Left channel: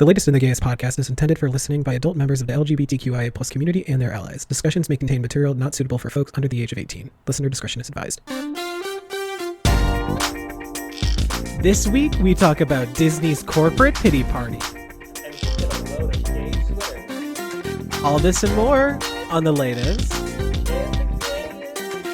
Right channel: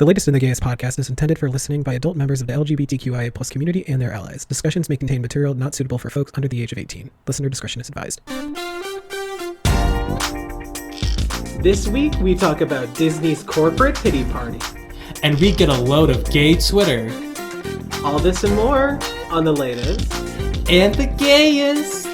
The Latest in the Gayest podcast is intended for listening by adult members of the LGBTQIA+ community and their allies. Discussions may contain material not suitable for folks under the age of 18. Listener discretion is advised. This week, we talk about Disney's corporate pity party. And we get a load of gay Twitter. All this and more on The Latest And the Gayest.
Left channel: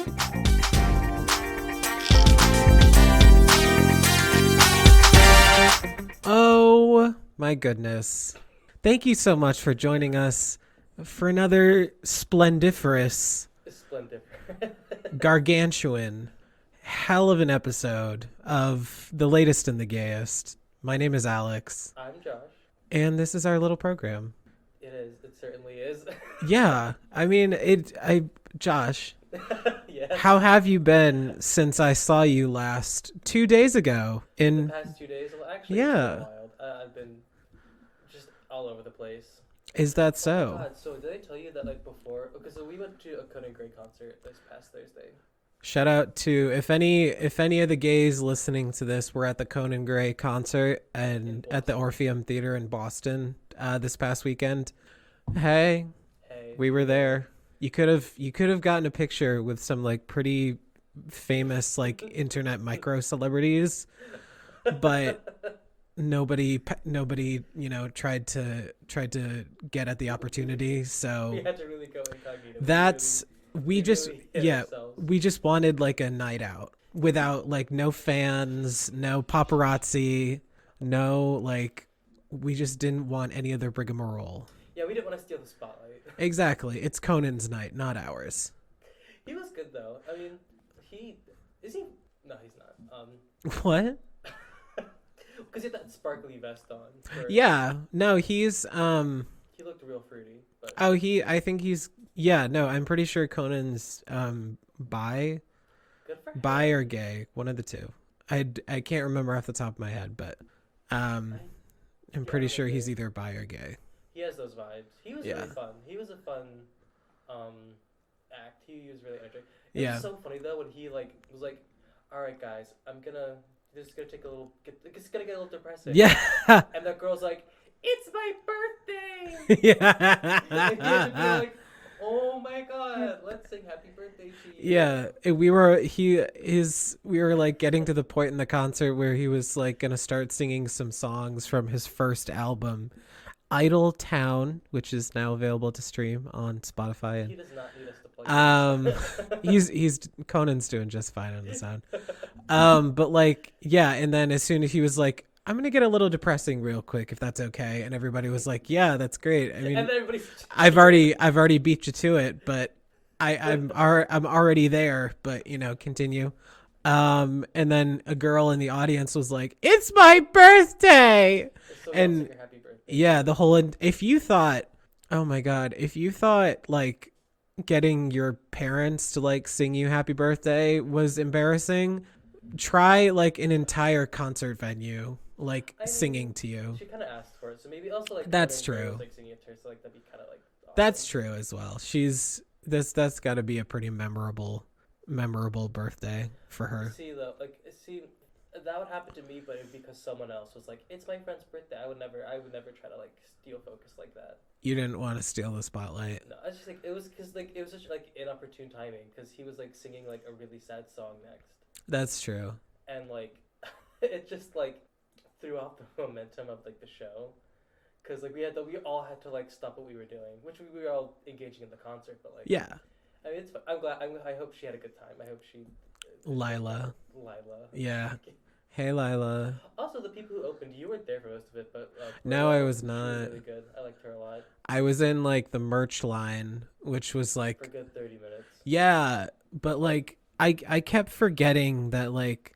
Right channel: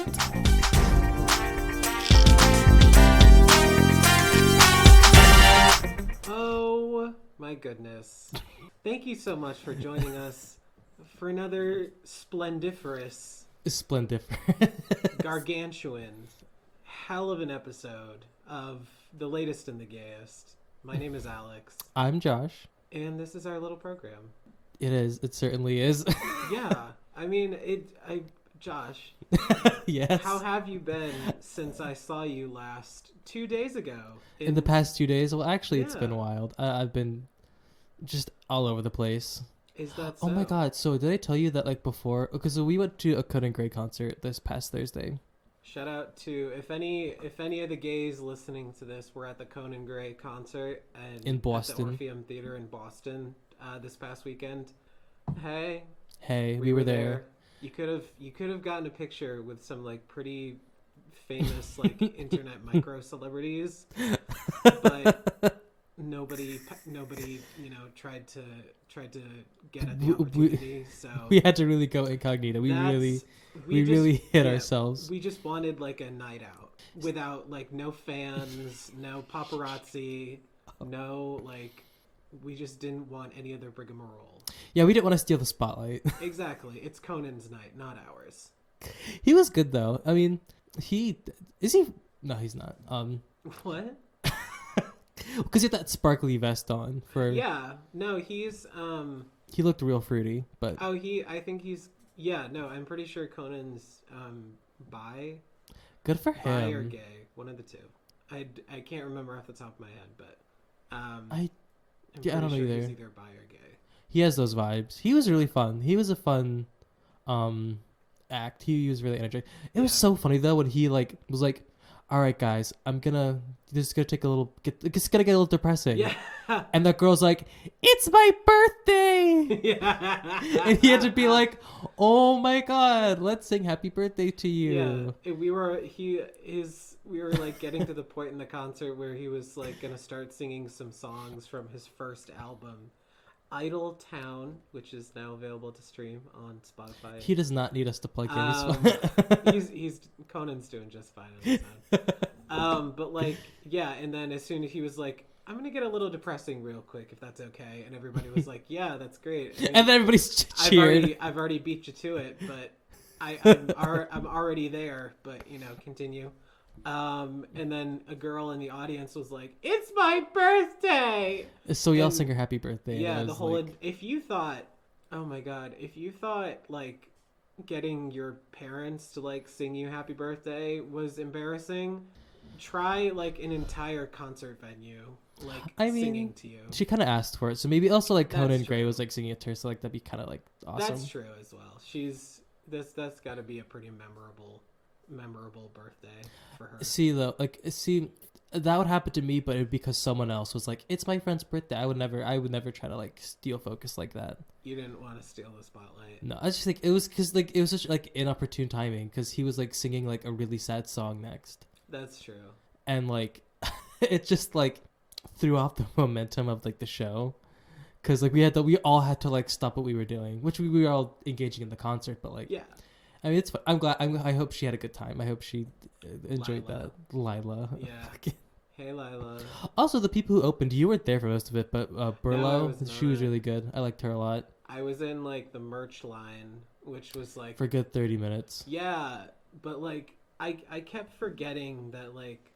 Oh my goodness. Thank you so much for joining us for another splendiferous, gargantuan, hell of an episode of The Latest and the Gayest. My name is Alex. I'm Josh. And this is our little program. It is. It certainly is. Yeah. I mean, Josh. Yes. How have you been since I saw you last 2 days ago? In the past 2 days? Well, actually, It's been Yeah. a while. I've been just all over the place. Is that so? Oh my god. So did I tell you that like before? Okay, so we went to a Conan Gray concert this past Thursday. Shout out to if any of the gays listening to this were at the Conan Gray concert and at the Orpheum Theater in Boston this past weekend. Hey, we were there. You could have gotten a picture with some like pretty famous like internet micro celebrities, but nobody tried to get at the opportunity. So we had to really go incognito. We really hit ourselves. We just wanted like a night out without like no fans, no paparazzi, no like. We just didn't want any other rigmarole. Yeah, we didn't want to steal the spotlight. Exactly. It's Conan's night, not ours. He was good though. I mean, No, he's not. What? Because he had that sparkly vest on. Yeah. No, he's He looked real fruity, but I think he's I'm pretty sure Conan's bi. Good for him. Bi or gay, one of the two. I can't remember off the top of my head, but I'm pretty sure he's either bi or gay. He has those vibes. He was really fun. He was a fun act. He was really energetic. It was so funny though when he like was like, all right guys, just gonna get a little depressing. Yeah. And that girl's like, it's my birthday. Yeah. And he had to be like, oh my god, let's sing happy birthday to you. Yeah. We were like getting to the point in the concert where he was like gonna start singing some songs from his first album, Idle Town, which is now available to stream on Spotify. He does not need us to plug this. he's Conan's doing just fine on his own. But like, yeah, and then as soon as he was like, I'm gonna get a little depressing real quick if that's okay, and everybody was like, yeah, that's great. I mean, and then everybody's cheering. I've already beat you to it, but I'm already there. But continue. And then a girl in the audience was like, "It's my birthday!" So we all sing her happy birthday. Yeah, the whole. If you thought, oh my god, if you thought like getting your parents to like sing you happy birthday was embarrassing, try like an entire concert venue like singing to you. She kind of asked for it, so maybe also like That's Conan Gray true. was like singing it to her, so like that'd be kind of like awesome. That's true as well. That's got to be a pretty memorable birthday for her. See though, that would happen to me, but it would be because someone else was like, it's my friend's birthday. I would never try to like steal focus like that. You didn't want to steal the spotlight. No, I just think it was because like it was such like inopportune timing because he was like singing like a really sad song next. That's true. And like it just like threw off the momentum of like the show because like we all had to like stop what we were doing, which we were all engaging in the concert, but like I mean, it's fun. I'm glad. I hope she had a good time. I hope she Lila. Yeah. Hey, Lila. Also, the people who opened, you weren't there for most of it, but Burla, No, I was not. She was really good. I liked her a lot. I was in like the merch line, which was like for a good 30 minutes. Yeah, but like I kept forgetting that like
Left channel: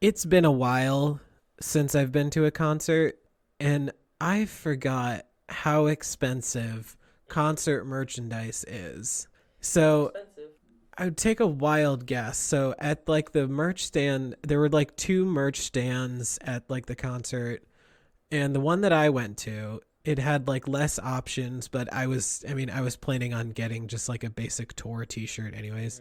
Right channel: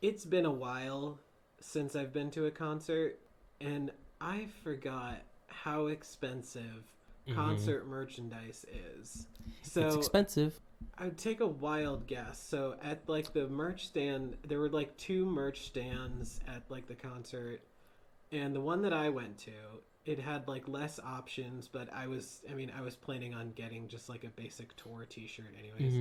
it's been a while since I've been to a concert, and I forgot how expensive concert merchandise is. So it's expensive. I would take a wild guess. So at like the merch stand, there were like 2 merch stands at like the concert, and the one that I went to, it had like less options, but I was planning on getting just like a basic tour t-shirt anyways.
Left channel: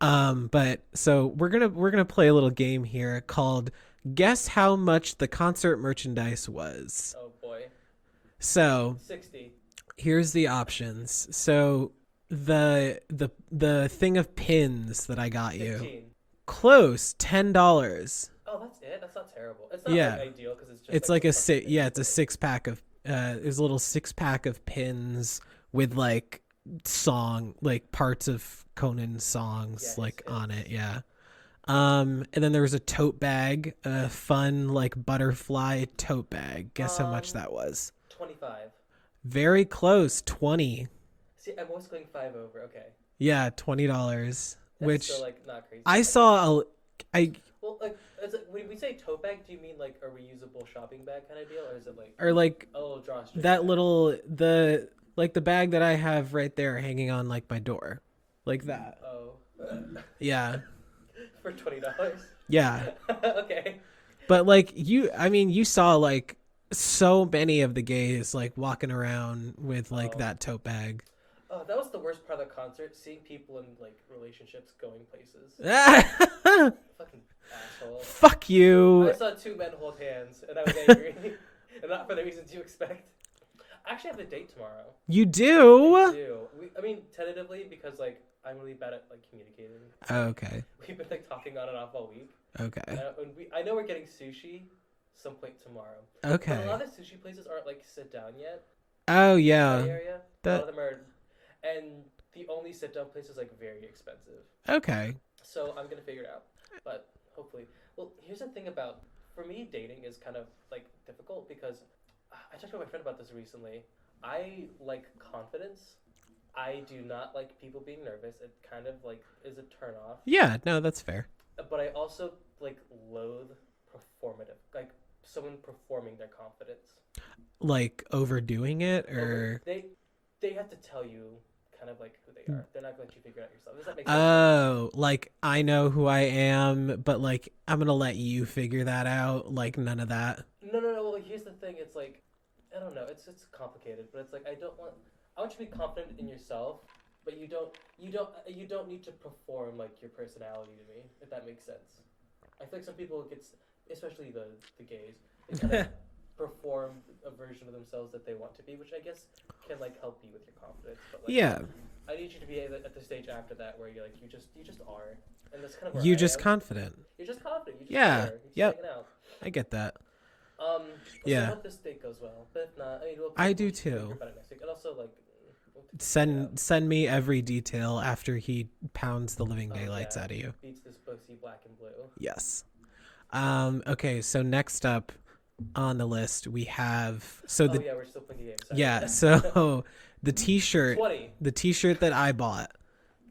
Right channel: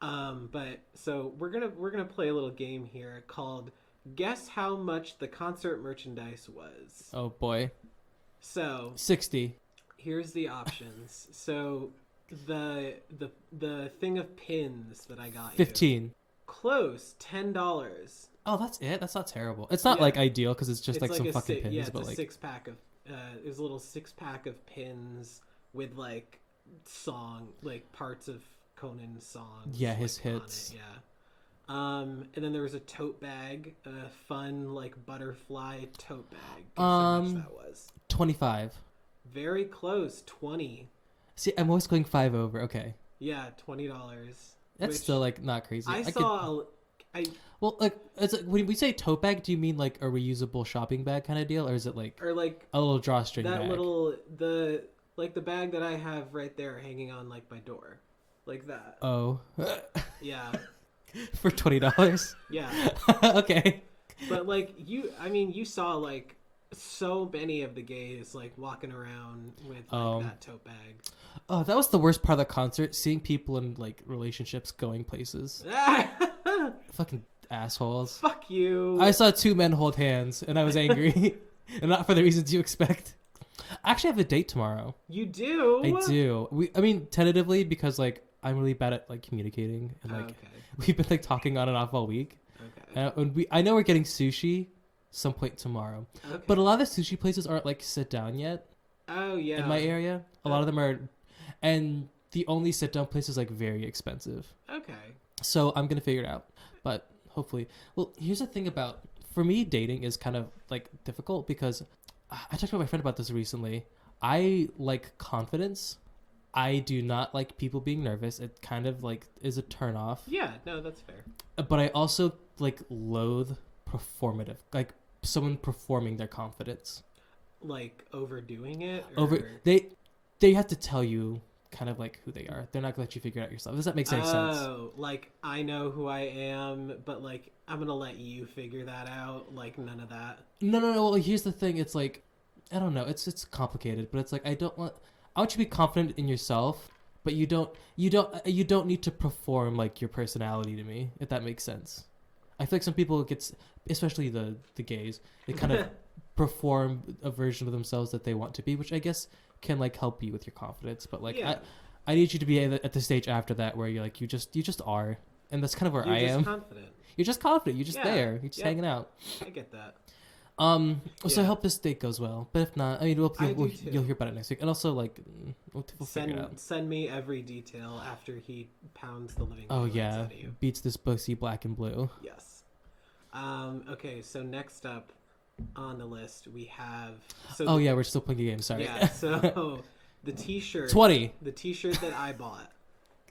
But so we're gonna play a little game here called Guess how much the concert merchandise was. Oh boy. So 60. Here's the options. So the thing of pins that I got 15. Close. $10. Oh, that's it. That's not terrible. It's not like ideal because it's just it's like a six. Yeah, it's a 6-pack of. There's a little 6-pack of pins with like parts of Conan's songs on it. Yeah. And then there was a tote bag, a fun like butterfly tote bag. Guess how much that was? 25. Very close. 20. See, I'm always going 5 over. Okay. Yeah, $20. That's still like not crazy. Well, like it's like, when we say tote bag, do you mean like a reusable shopping bag kind of deal, or is it like a little drawstring? That bag? the bag that I have right there hanging on like my door, like that. Oh, yeah. For $20. Yeah. Okay. But like you saw like so many of the gays like walking around with like that tote bag. Oh, that was the worst part of the concert, seeing people in like relationships going places. Fucking assholes. Fuck you. I saw 2 men hold hands and I was angry. And not for the reasons you expect. I actually have a date tomorrow. You do? I do. I mean, tentatively, because like I'm really bad at like communicating. And, okay. We've been like talking on and off all week. Okay. I know we're getting sushi some point tomorrow. Okay. But a lot of the sushi places aren't like sit down yet. Oh yeah. In my area. A lot of them are, and the only sit down place is like very expensive. Okay. So I'm gonna figure it out. But hopefully. Well, here's the thing about, for me, dating is kind of like difficult because I talked to my friend about this recently. I like confidence. I do not like people being nervous. It kind of like is a turn off. Yeah, no, that's fair. But I also like loathe performative, like someone performing their confidence. Like overdoing it, or they have to tell you kind of like who they are. They're not gonna let you figure it out yourself. Does that make sense? Oh, like I know who I am, but like I'm gonna let you figure that out. Like none of that. No. Well, here's the thing. It's like, I don't know. It's complicated, but it's like I want you to be confident in yourself, but you don't need to perform like your personality to me, if that makes sense. I feel like some people especially the gays, they kind of perform a version of themselves that they want to be, which I guess can like help you with your confidence. But like, yeah, I need you to be at the stage after that where you're like you just are, and that's kind of where you're just confident. You're just confident. You're just there. You're just hanging out. I get that. So I hope this date goes well. But if not, I mean, I do too. You'll hear about it next week. And also, like, send me every detail after he pounds the living daylights out of you. Beats this pussy black and blue. Yes. Okay. So next up on the list we have. We're still playing the game. Sorry. Yeah. So the T-shirt. 20. The T-shirt that I bought,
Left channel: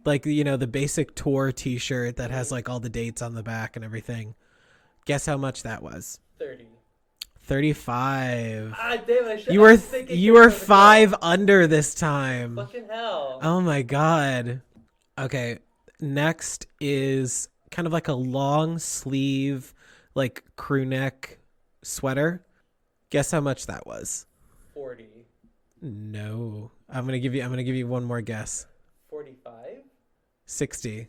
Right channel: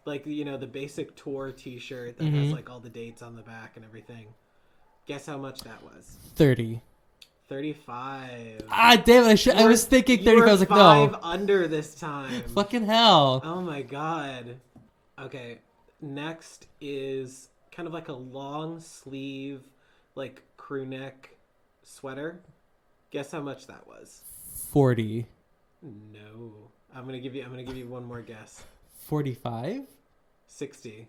like the basic tour T-shirt that has like all the dates on the back and everything. Guess how much that was? 30. 35. Ah, damn it. I was thinking 30. You were 5 under this time. Fucking hell. Oh my god. Okay. Next is kind of like a long sleeve, like crew neck sweater. Guess how much that was? 40. No. I'm gonna give you one more guess. 45? 60.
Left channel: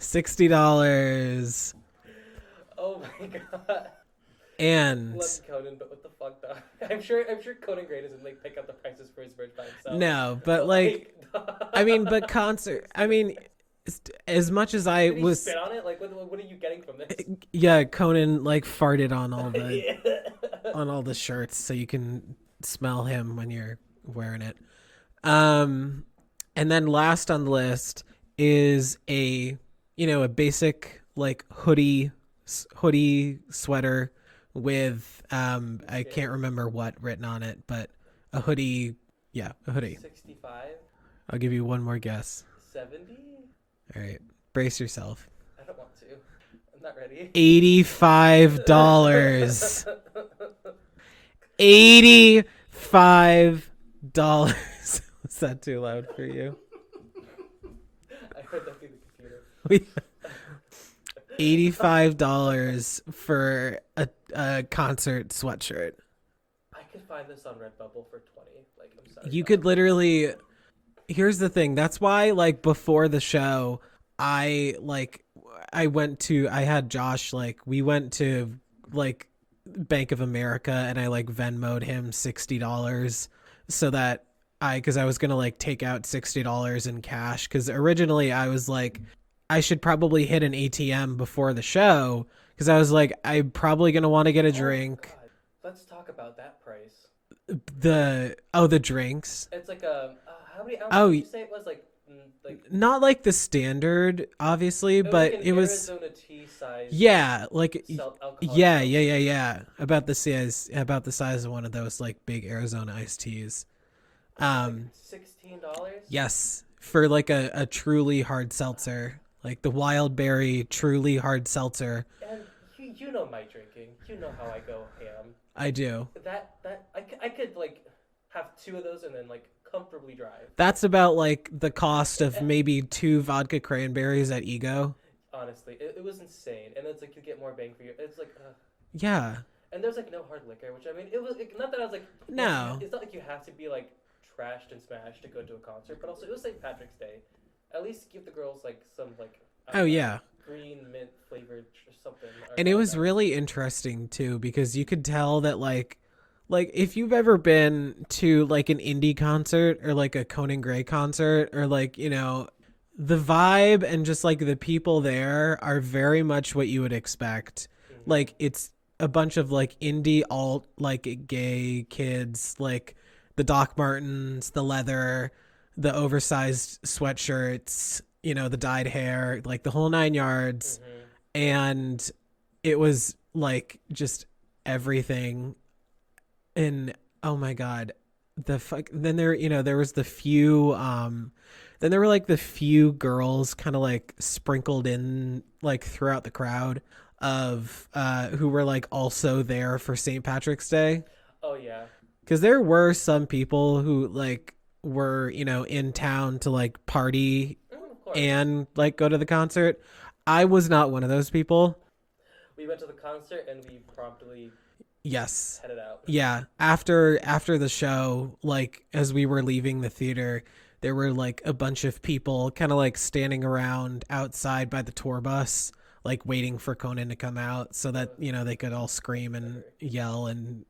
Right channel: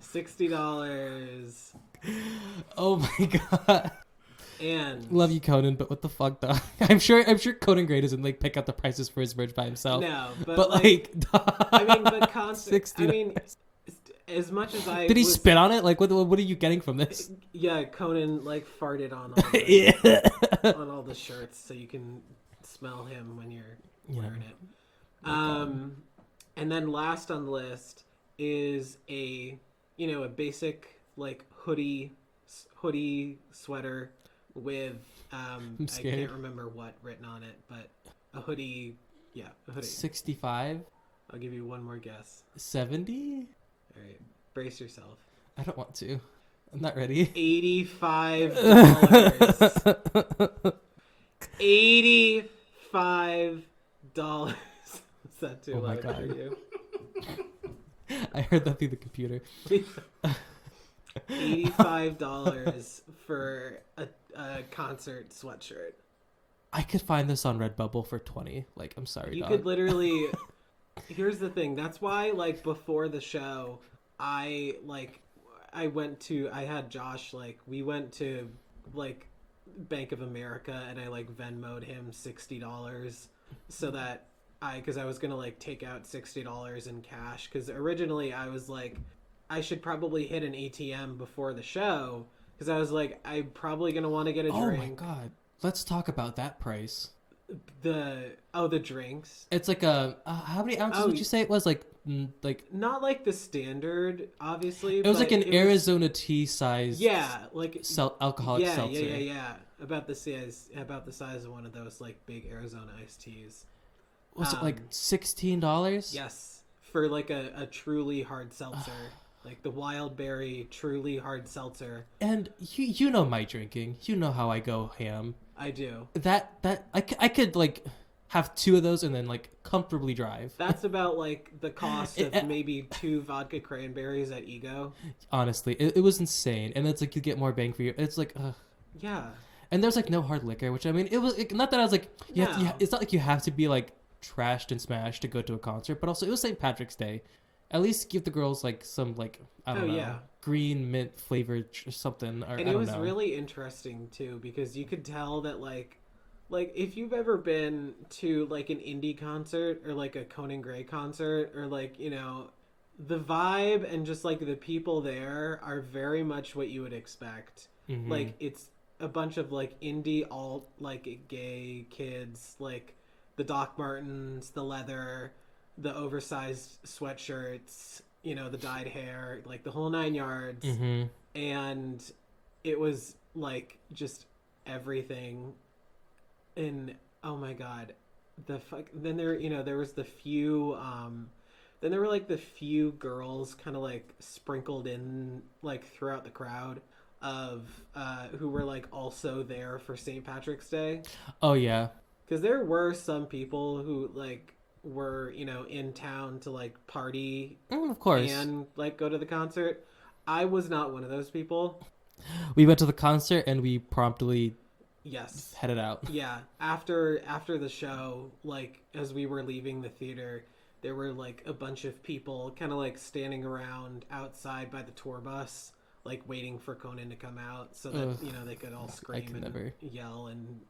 $60. Oh my god. And love you, Conan, but what the fuck, though? I'm sure Conan Gray doesn't like pick out the prices for his merch by himself. No, but like I mean, but concert. I mean, as much as I did he spit on it? Like, what are you getting from this? Yeah, Conan like farted on all the on all the shirts, so you can smell him when you're wearing it. And then last on the list is a basic like hoodie sweater with I can't remember what written on it, but a hoodie. Yeah, a hoodie. 65. I'll give you one more guess. 70. All right, brace yourself. I don't want to. I'm not ready. $85. $85. Was that too loud for you? I heard that through the computer. $85 for a concert sweatshirt. I could find this on Redbubble for 20. Like, I'm sorry. You could literally. Here's the thing. That's why, like, before the show, I I had Josh, like, we went to like Bank of America and I like Venmo'd him $60 so that because I was gonna like take out $60 in cash, because originally I was like, I should probably hit an ATM before the show, because I was like, I'm probably gonna want to get a drink. Oh my god, let's talk about that price. The drinks. It's like how many ounces did you say it was? Like not like the standard, obviously, but like an Arizona tea size. Yeah, like alcoholic. Yeah. About the size of one of those like big Arizona iced teas. Was it like $16? Yes, for like a truly hard seltzer, like the wild berry truly hard seltzer. And you know my drinking. You know how I go ham. I do. That I could like have 2 of those and then like comfortably drive. That's about like the cost of maybe 2 vodka cranberries at Ego. Honestly, it was insane. And it's like you get more bang for you. It's like yeah. And there's like no hard liquor, which I mean, it was not that I was like, no. It's not like you have to be like trashed and smashed to go to a concert, but also it was St. Patrick's Day. At least give the girls like some like green mint flavored something. And it was really interesting too, because you could tell that like if you've ever been to like an indie concert or like a Conan Gray concert, or like, you know, the vibe and just like the people there are very much what you would expect. Mm-hmm. Like it's a bunch of like indie alt like gay kids, like the Doc Martens, the leather, the oversized sweatshirts, you know, the dyed hair, like the whole 9 yards. Mm-hmm. And it was like just everything. And oh my god, then there, you know, there was the few then there were like the few girls kind of like sprinkled in like throughout the crowd of who were like also there for St. Patrick's Day. Oh yeah, because there were some people who like were, you know, in town to like party, of course, and like go to the concert. I was not one of those people. We went to the concert and we promptly headed out. Yeah, after the show, like as we were leaving the theater, there were like a bunch of people kind of like standing around outside by the tour bus, like waiting for Conan to come out so that you know, they could all scream and yell and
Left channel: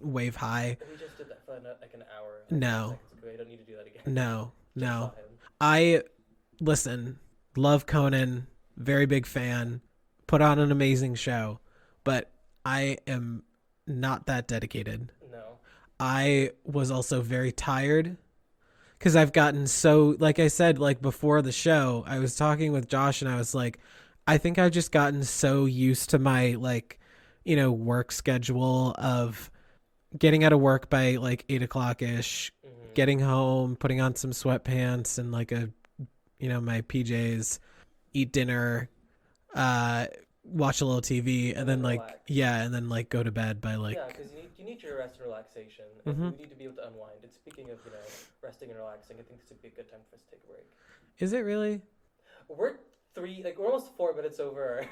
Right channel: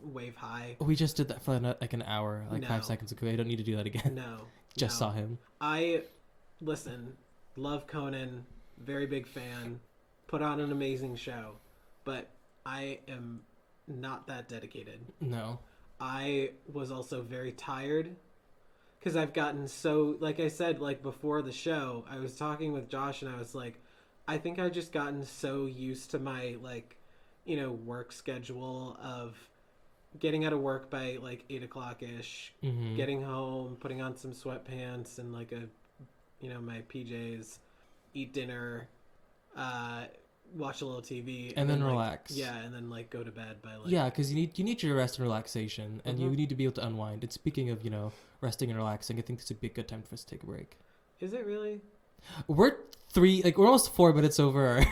wave hi. We just did that for like an hour, like 5 seconds ago. I don't need to do that again. Just saw him. Listen, love Conan, very big fan, put on an amazing show, but I am not that dedicated. No. I was also very tired because I've gotten so, like I said, like before the show, I was talking with Josh and I was like, I think I've just gotten so used to my like, you know, work schedule of getting out of work by like 8 o'clock ish, getting home, putting on some sweatpants and like my PJs, eat dinner, watch a little TV, and then like relax. And then like go to bed by like because you need your rest and relaxation, and you need to be able to unwind. And speaking of, you know, resting and relaxing, I think this would be a good time for us to take a break. Is it really? We're almost 4 minutes over our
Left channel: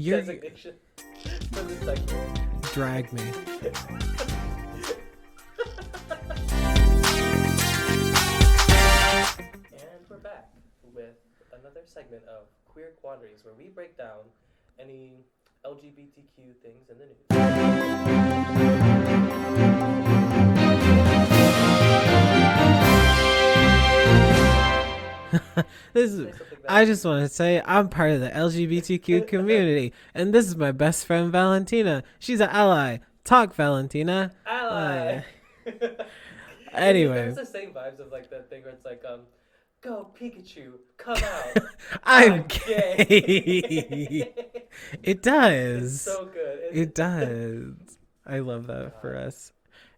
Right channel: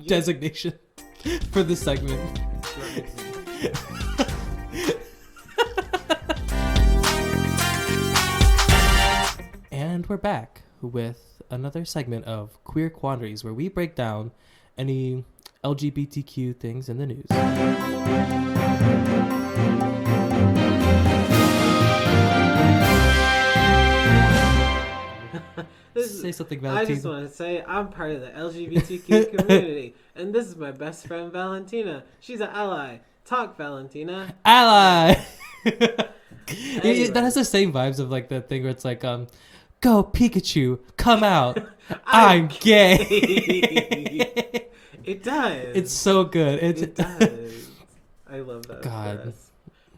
designation for this segment. Drag me. And we're back with another segment of Queer Quandaries, where we break down any LGBTQ things in the news. Say something about I just want to say I'm part of the LGBTQ community, and this is my best friend Valentina. She's an ally. Talk, Valentina. Ally. Anyway. That has the same vibes of like the thing where it's like, go Pikachu, come out. I'm gay. It does. It's so good. It does. I love that for us.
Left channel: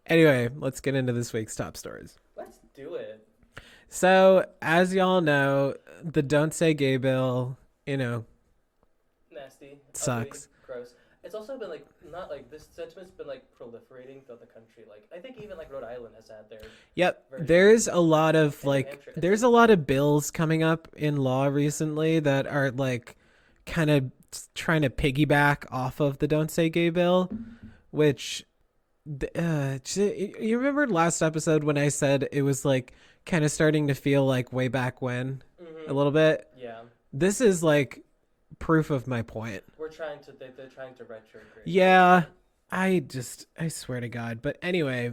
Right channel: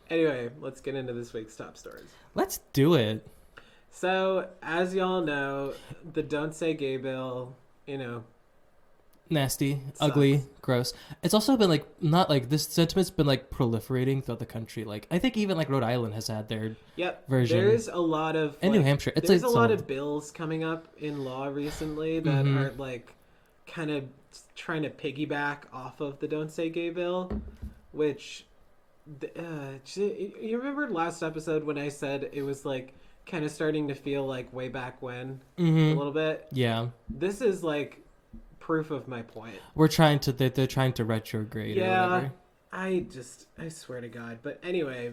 Anyway, let's get into this week's top stories. Let's do it. So, as y'all know, the Don't Say Gay bill, you know, nasty, sucks. Ugly, gross. It's also been like, not like, this sentiment's been like proliferating throughout the country. Like, I think even like Rhode Island has had their version. There's a lot of and like, New Hampshire. There's a lot of bills coming up in law recently that are like kind of trying to piggyback off of the Don't Say Gay bill, which you remember last episode when I said it was like kind of starting to feel like way back when a little bit. Yeah. This is like proof of my point. They're trying to retrograde. Yeah, I swear to God. But anyway,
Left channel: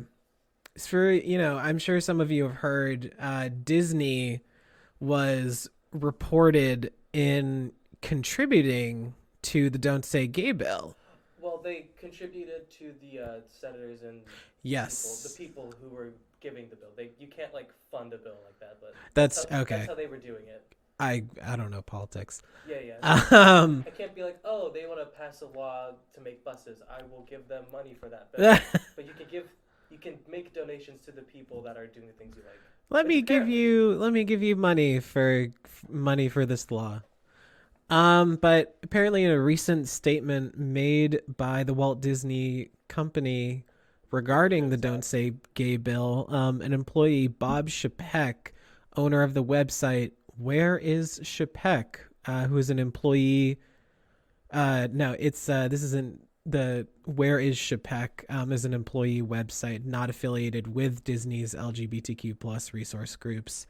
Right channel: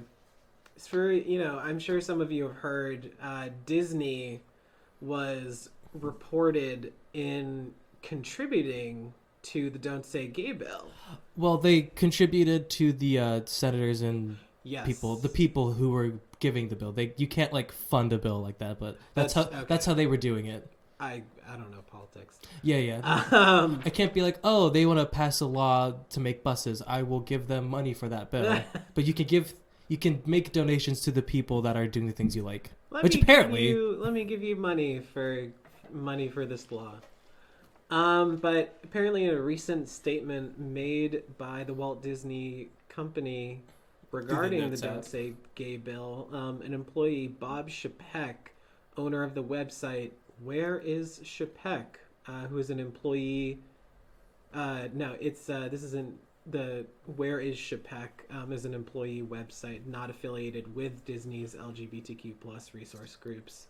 for I'm sure some of you have heard Disney was reported in contributing to the Don't Say Gay bill. Well, they contributed to the senators and the people who were giving the bill. You can't like fund a bill like that, but that's how they were doing it. I don't know politics. Yeah. I can't be like, oh, they want to pass a law to make buses. I will give them money for that bill. But you can make donations to the people that are doing the things you like. Let me give you money for this law. But apparently in a recent statement made by the Walt Disney Company regarding the Don't Say Gay bill, an employee, Bob Chapek, owner of the website Where Is Chapek, who is an employee. This isn't the Where Is Chapek is an employee website not affiliated with Disney's LGBTQ plus resource groups.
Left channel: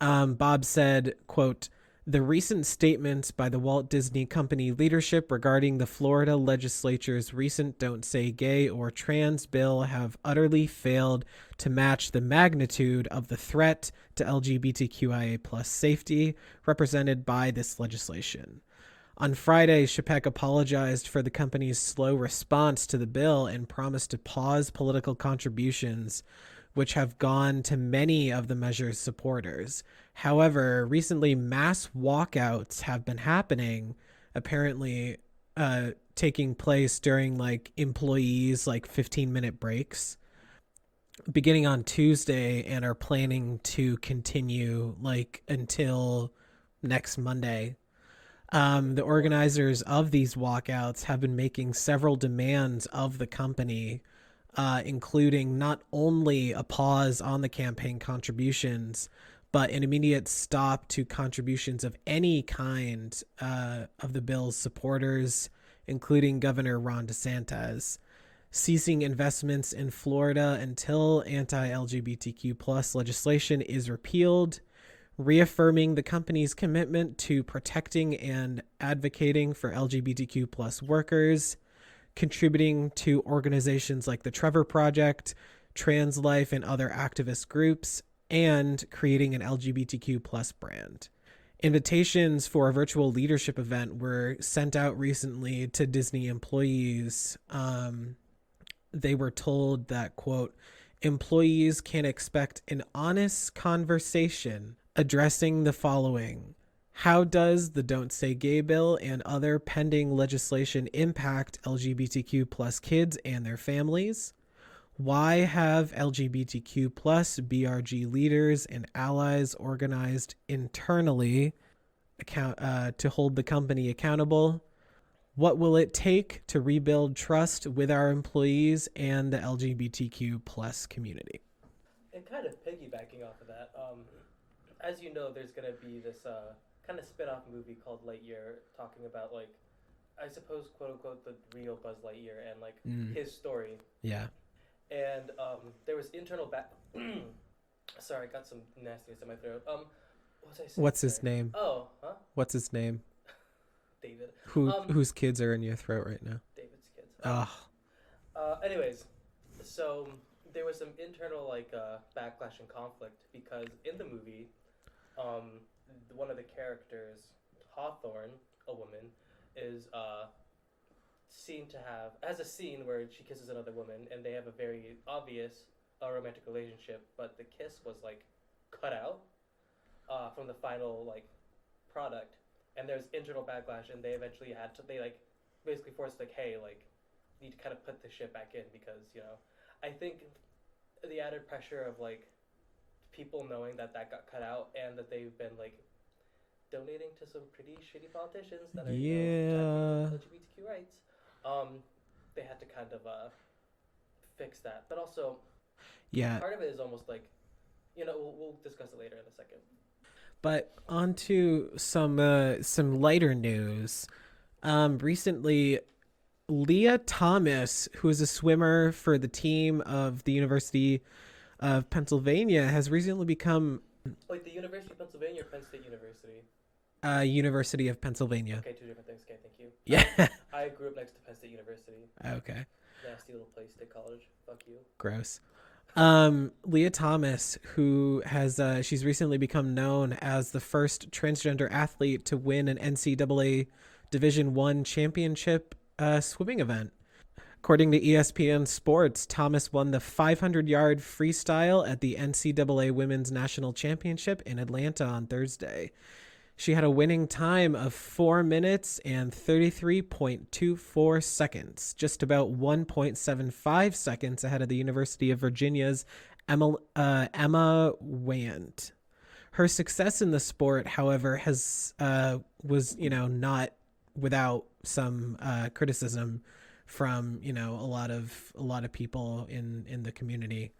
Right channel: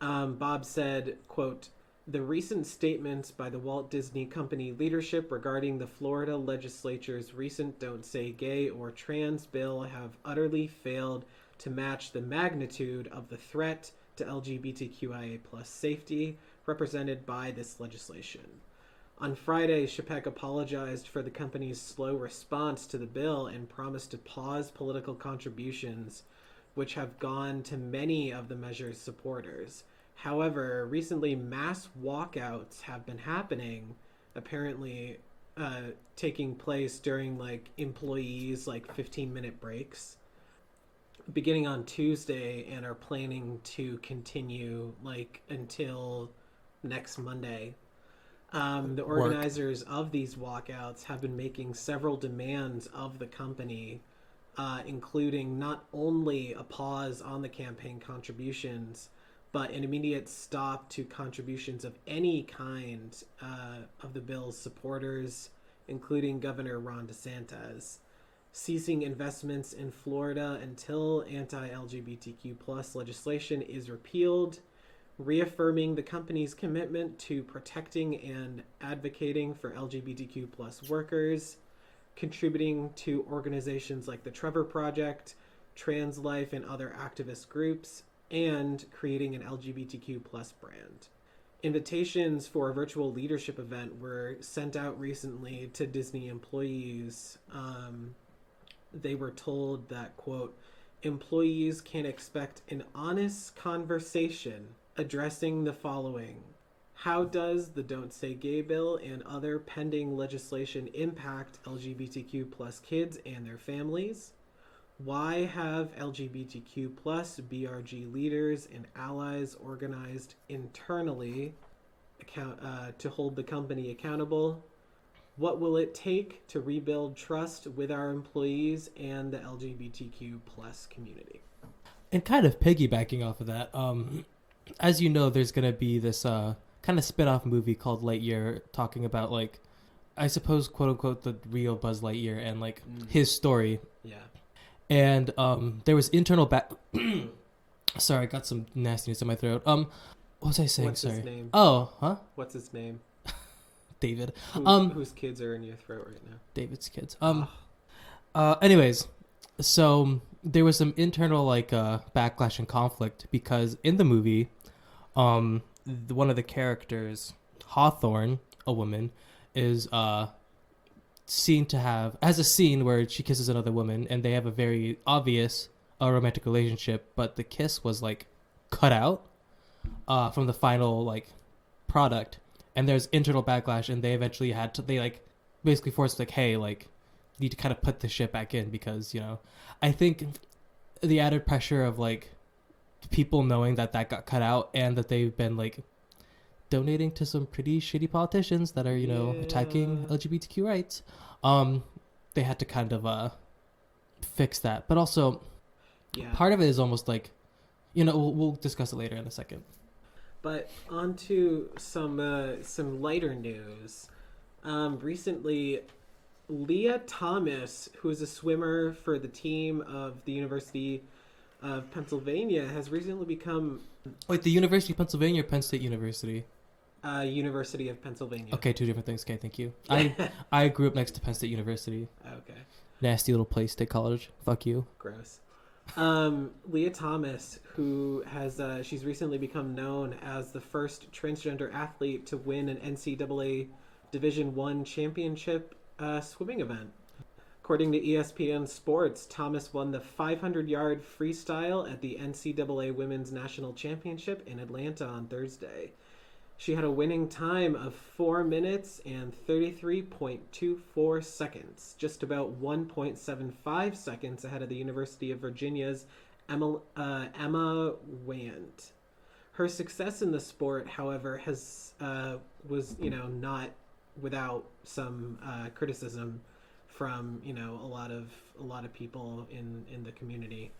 Bob said, quote, "The recent statements by the Walt Disney Company leadership regarding the Florida legislature's recent Don't Say Gay or Trans bill have utterly failed to match the magnitude of the threat to LGBTQIA plus safety represented by this legislation." On Friday, Chapek apologized for the company's slow response to the bill and promised to pause political contributions, which have gone to many of the measure's supporters. However, recently mass walkouts have been happening, apparently taking place during like employees' like 15-minute breaks, beginning on Tuesday, and are planning to continue like until next Monday. The organizers of these walkouts have been making several demands of the company, including not only a pause on the campaign contributions, but an immediate stop to contributions of any kind of the bill's supporters, including Governor Ron DeSantis, ceasing investments in Florida until anti-LGBTQ plus legislation is repealed, reaffirming the company's commitment to protecting and advocating for LGBTQ plus workers, contributing to organizations like the Trevor Project, Trans Life, and other activist groups, and creating an LGBTQ plus brand. Invitations for a virtual leadership event were sent out recently to Disney employees. They were told that, quote, "Employees can expect an honest conversation addressing the following. How does the Don't Say Gay bill and other pending legislation impact LGBTQ plus kids and their families? Why have LGBTQ plus BRG leaders and allies organized internally to hold the company accountable? What will it take to rebuild trust with our employees and the LGBTQ plus community?" And kind of piggybacking off of that, as you know, there's going to be this kind of spin-off movie called Lightyear, talking about, like, I suppose, quote-unquote, the real Buzz Lightyear and, like, his story. Yeah. And there was internal Sorry, I got some nastiness in my throat. What was I saying? What's his name? Oh, huh? What's his name? David. Whose kids are in your throat right now? David's kids. Anyways, so there was some internal like backlash and conflict because in the movie, one of the characters, Hawthorne, a woman, is seen to has a scene where she kisses another woman and they have a very obvious romantic relationship, but the kiss was like cut out from the final like product, and there's internal backlash, and they eventually basically forced like, hey, like you need to kind of put the shit back in because, you know, I think the added pressure of like people knowing that got cut out and that they've been like donating to some pretty shitty politicians that are, you know, attacking LGBTQ rights. They had to kind of fix that. But also, part of it is almost like, you know, we'll discuss it later in a second. But on to some lighter news. Recently, Leah Thomas, who is a swimmer for the team of the University of Pennsylvania, has recently become... Wait, the University of Pennsylvania or Penn State University? University of Pennsylvania. Okay, two different things. Okay, thank you. Yeah. I grew up next to Penn State University. Okay. Nasty little place, State College. Fuck you. Gross. Leah Thomas, who has she's recently become known as the first transgender athlete to win an NCAA Division I championship swimming event. According to ESPN Sports, Thomas won the 500-yard freestyle at the NCAA Women's National Championship in Atlanta on Thursday. She had a winning time of 4 minutes and 33.24 seconds, just about 1.75 seconds ahead of the University of Virginia's Emma Wand. Her success in the sport, however, was not without some criticism from a lot of people in the community.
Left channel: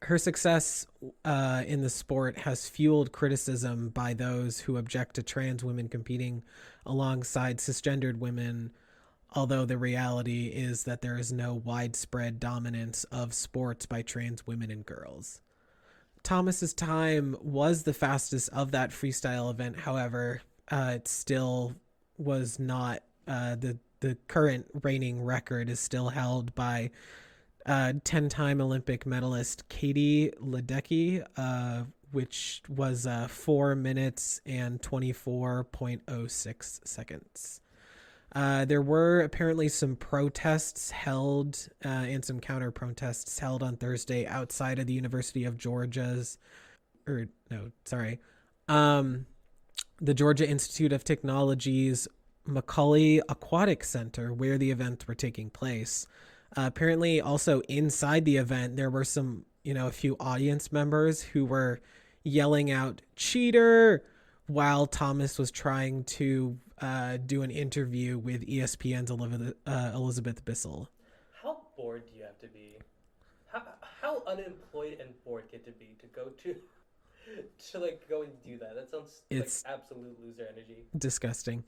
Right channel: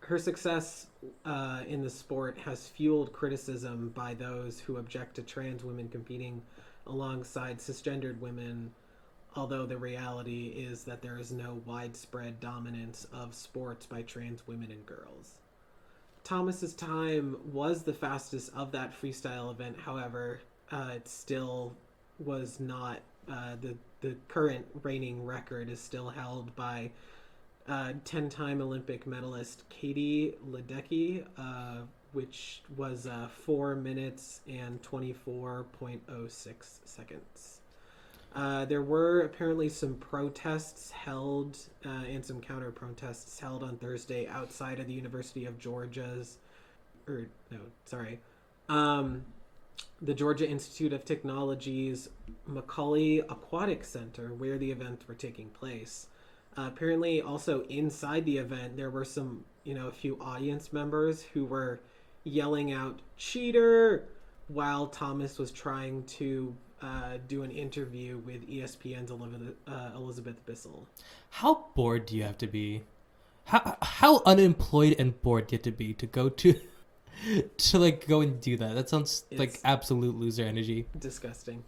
Her success in the sport has fueled criticism by those who object to trans women competing alongside cisgendered women, although the reality is that there is no widespread dominance of sports by trans women and girls. Thomas's time was the fastest of that freestyle event. However, it still was not the current reigning record is still held by 10-time Olympic medalist Katie Ledecky, which was 4 minutes and 24.06 seconds. There were apparently some protests held and some counter protests held on Thursday outside of the University of the Georgia Institute of Technology's Macaulay Aquatic Center, where the events were taking place. Apparently also inside the event, there were a few audience members who were yelling out "cheater" while Thomas was trying to do an interview with ESPN's Elizabeth Bissell. How bored do you have to be? How unemployed and bored do you have to be to go to go and do that? That sounds like absolute loser energy. Disgusting.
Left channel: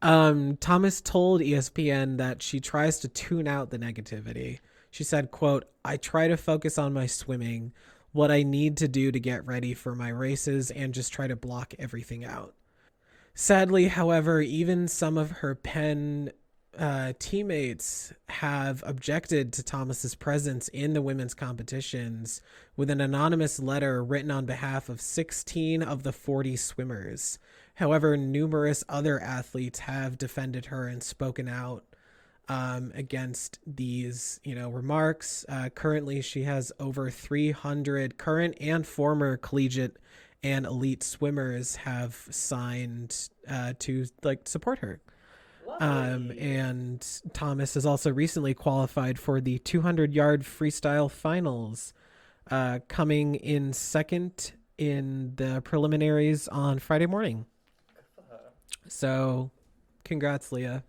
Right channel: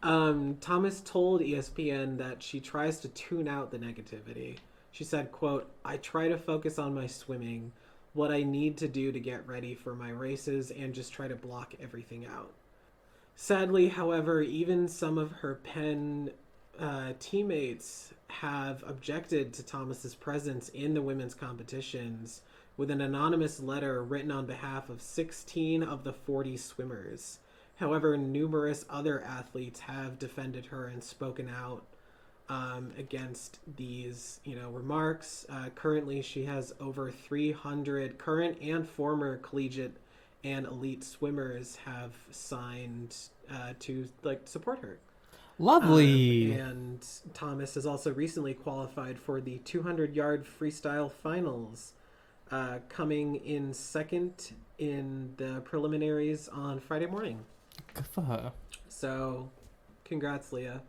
Thomas told ESPN that she tries to tune out the negativity. She said, quote, "I try to focus on my swimming, what I need to do to get ready for my races, and just try to block everything out." Sadly, however, even some of her Penn teammates have objected to Thomas's presence in the women's competitions with an anonymous letter written on behalf of 16 of the 40 swimmers. However, numerous other athletes have defended her and spoken out against these, remarks. Currently, she has over 300 current and former collegiate and elite swimmers have signed to support her. Lovely. And Thomas has also recently qualified for the 200-yard freestyle finals, coming in second in the preliminaries on Friday morning. Good for her. So, congrats, Leah.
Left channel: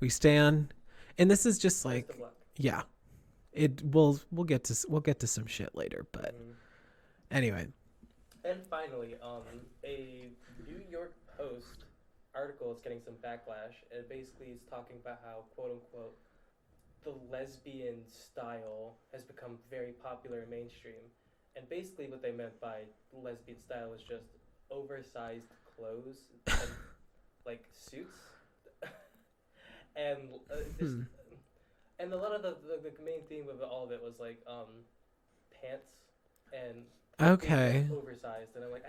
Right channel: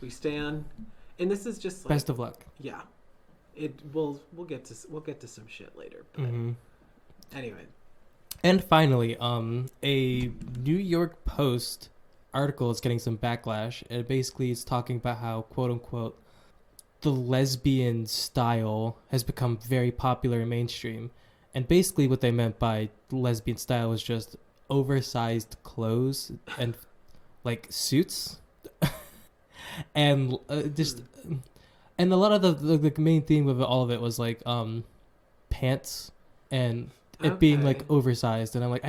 We stand, and this is just like best of luck. Yeah, we'll get to some shit later, but anyway. And finally, a New York Post article is getting some backlash. It basically is talking about how, quote unquote, the lesbian style has become very popular and mainstream. And basically what they meant by lesbian style was just oversized clothes and like suits. And and a lot of the main theme of all of it was like pants and it being like oversized. And I'm like,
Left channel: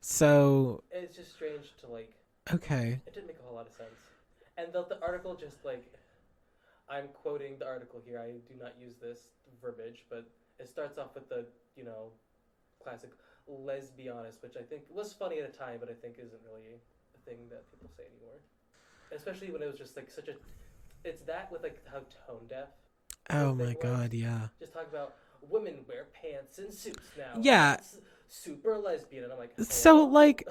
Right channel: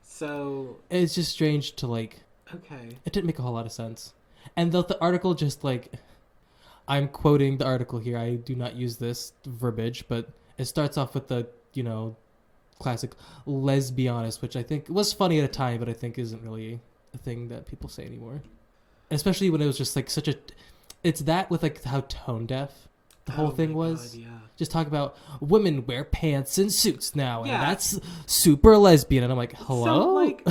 so it's just strange to like, it didn't make a whole lot of sense. And the article just like, I'm quoting the article here, I do not use this verbiage, but it starts off with the classic lesbianist, which I think was funny at a time, but I think isn't really a thing that people say anymore. Especially when it was just like it's that with like how tone deaf the whole thing was. God, yeah. Just talk about women wear pants and suits now. Yeah. And that's super lesbian. And I'm like, hello? So like,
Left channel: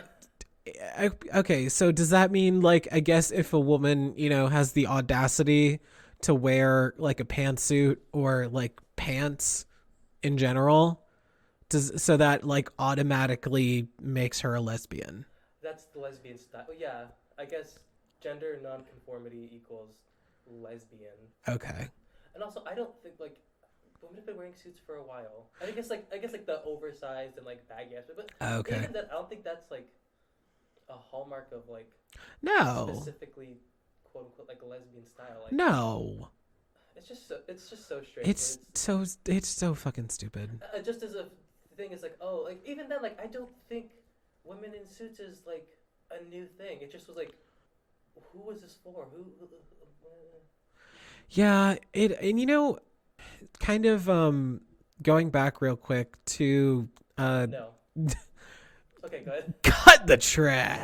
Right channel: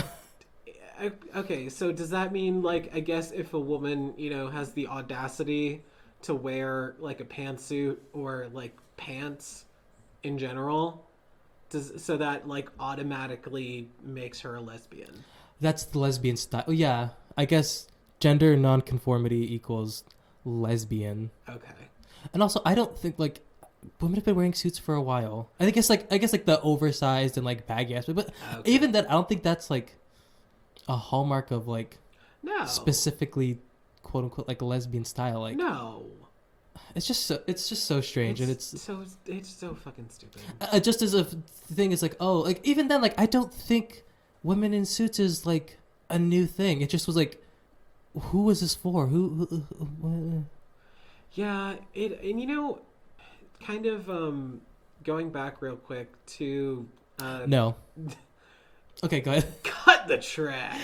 okay, so does that mean like, I guess if a woman, has the audacity to wear like a pantsuit or like pants in general, so that like automatically makes her a lesbian? That's the lesbian style. Yeah, I guess gender nonconformity equals lesbian. Okay. And also, I don't think like women have been wearing suits for a while. I guess like the oversized and like baggy aspect, but even that, I don't think that's like. a hallmark of like specifically quote unquote like lesbian style. Like no. It's just so strange, and it's so fucking stupid. Just as a thing, it's like, oh, like even then, like I don't think women in suits is like a new thing. It just was like, who was this for? Who? Yeah, and you know, kind of going back real quick to no. Okay, go ahead. Cut the track.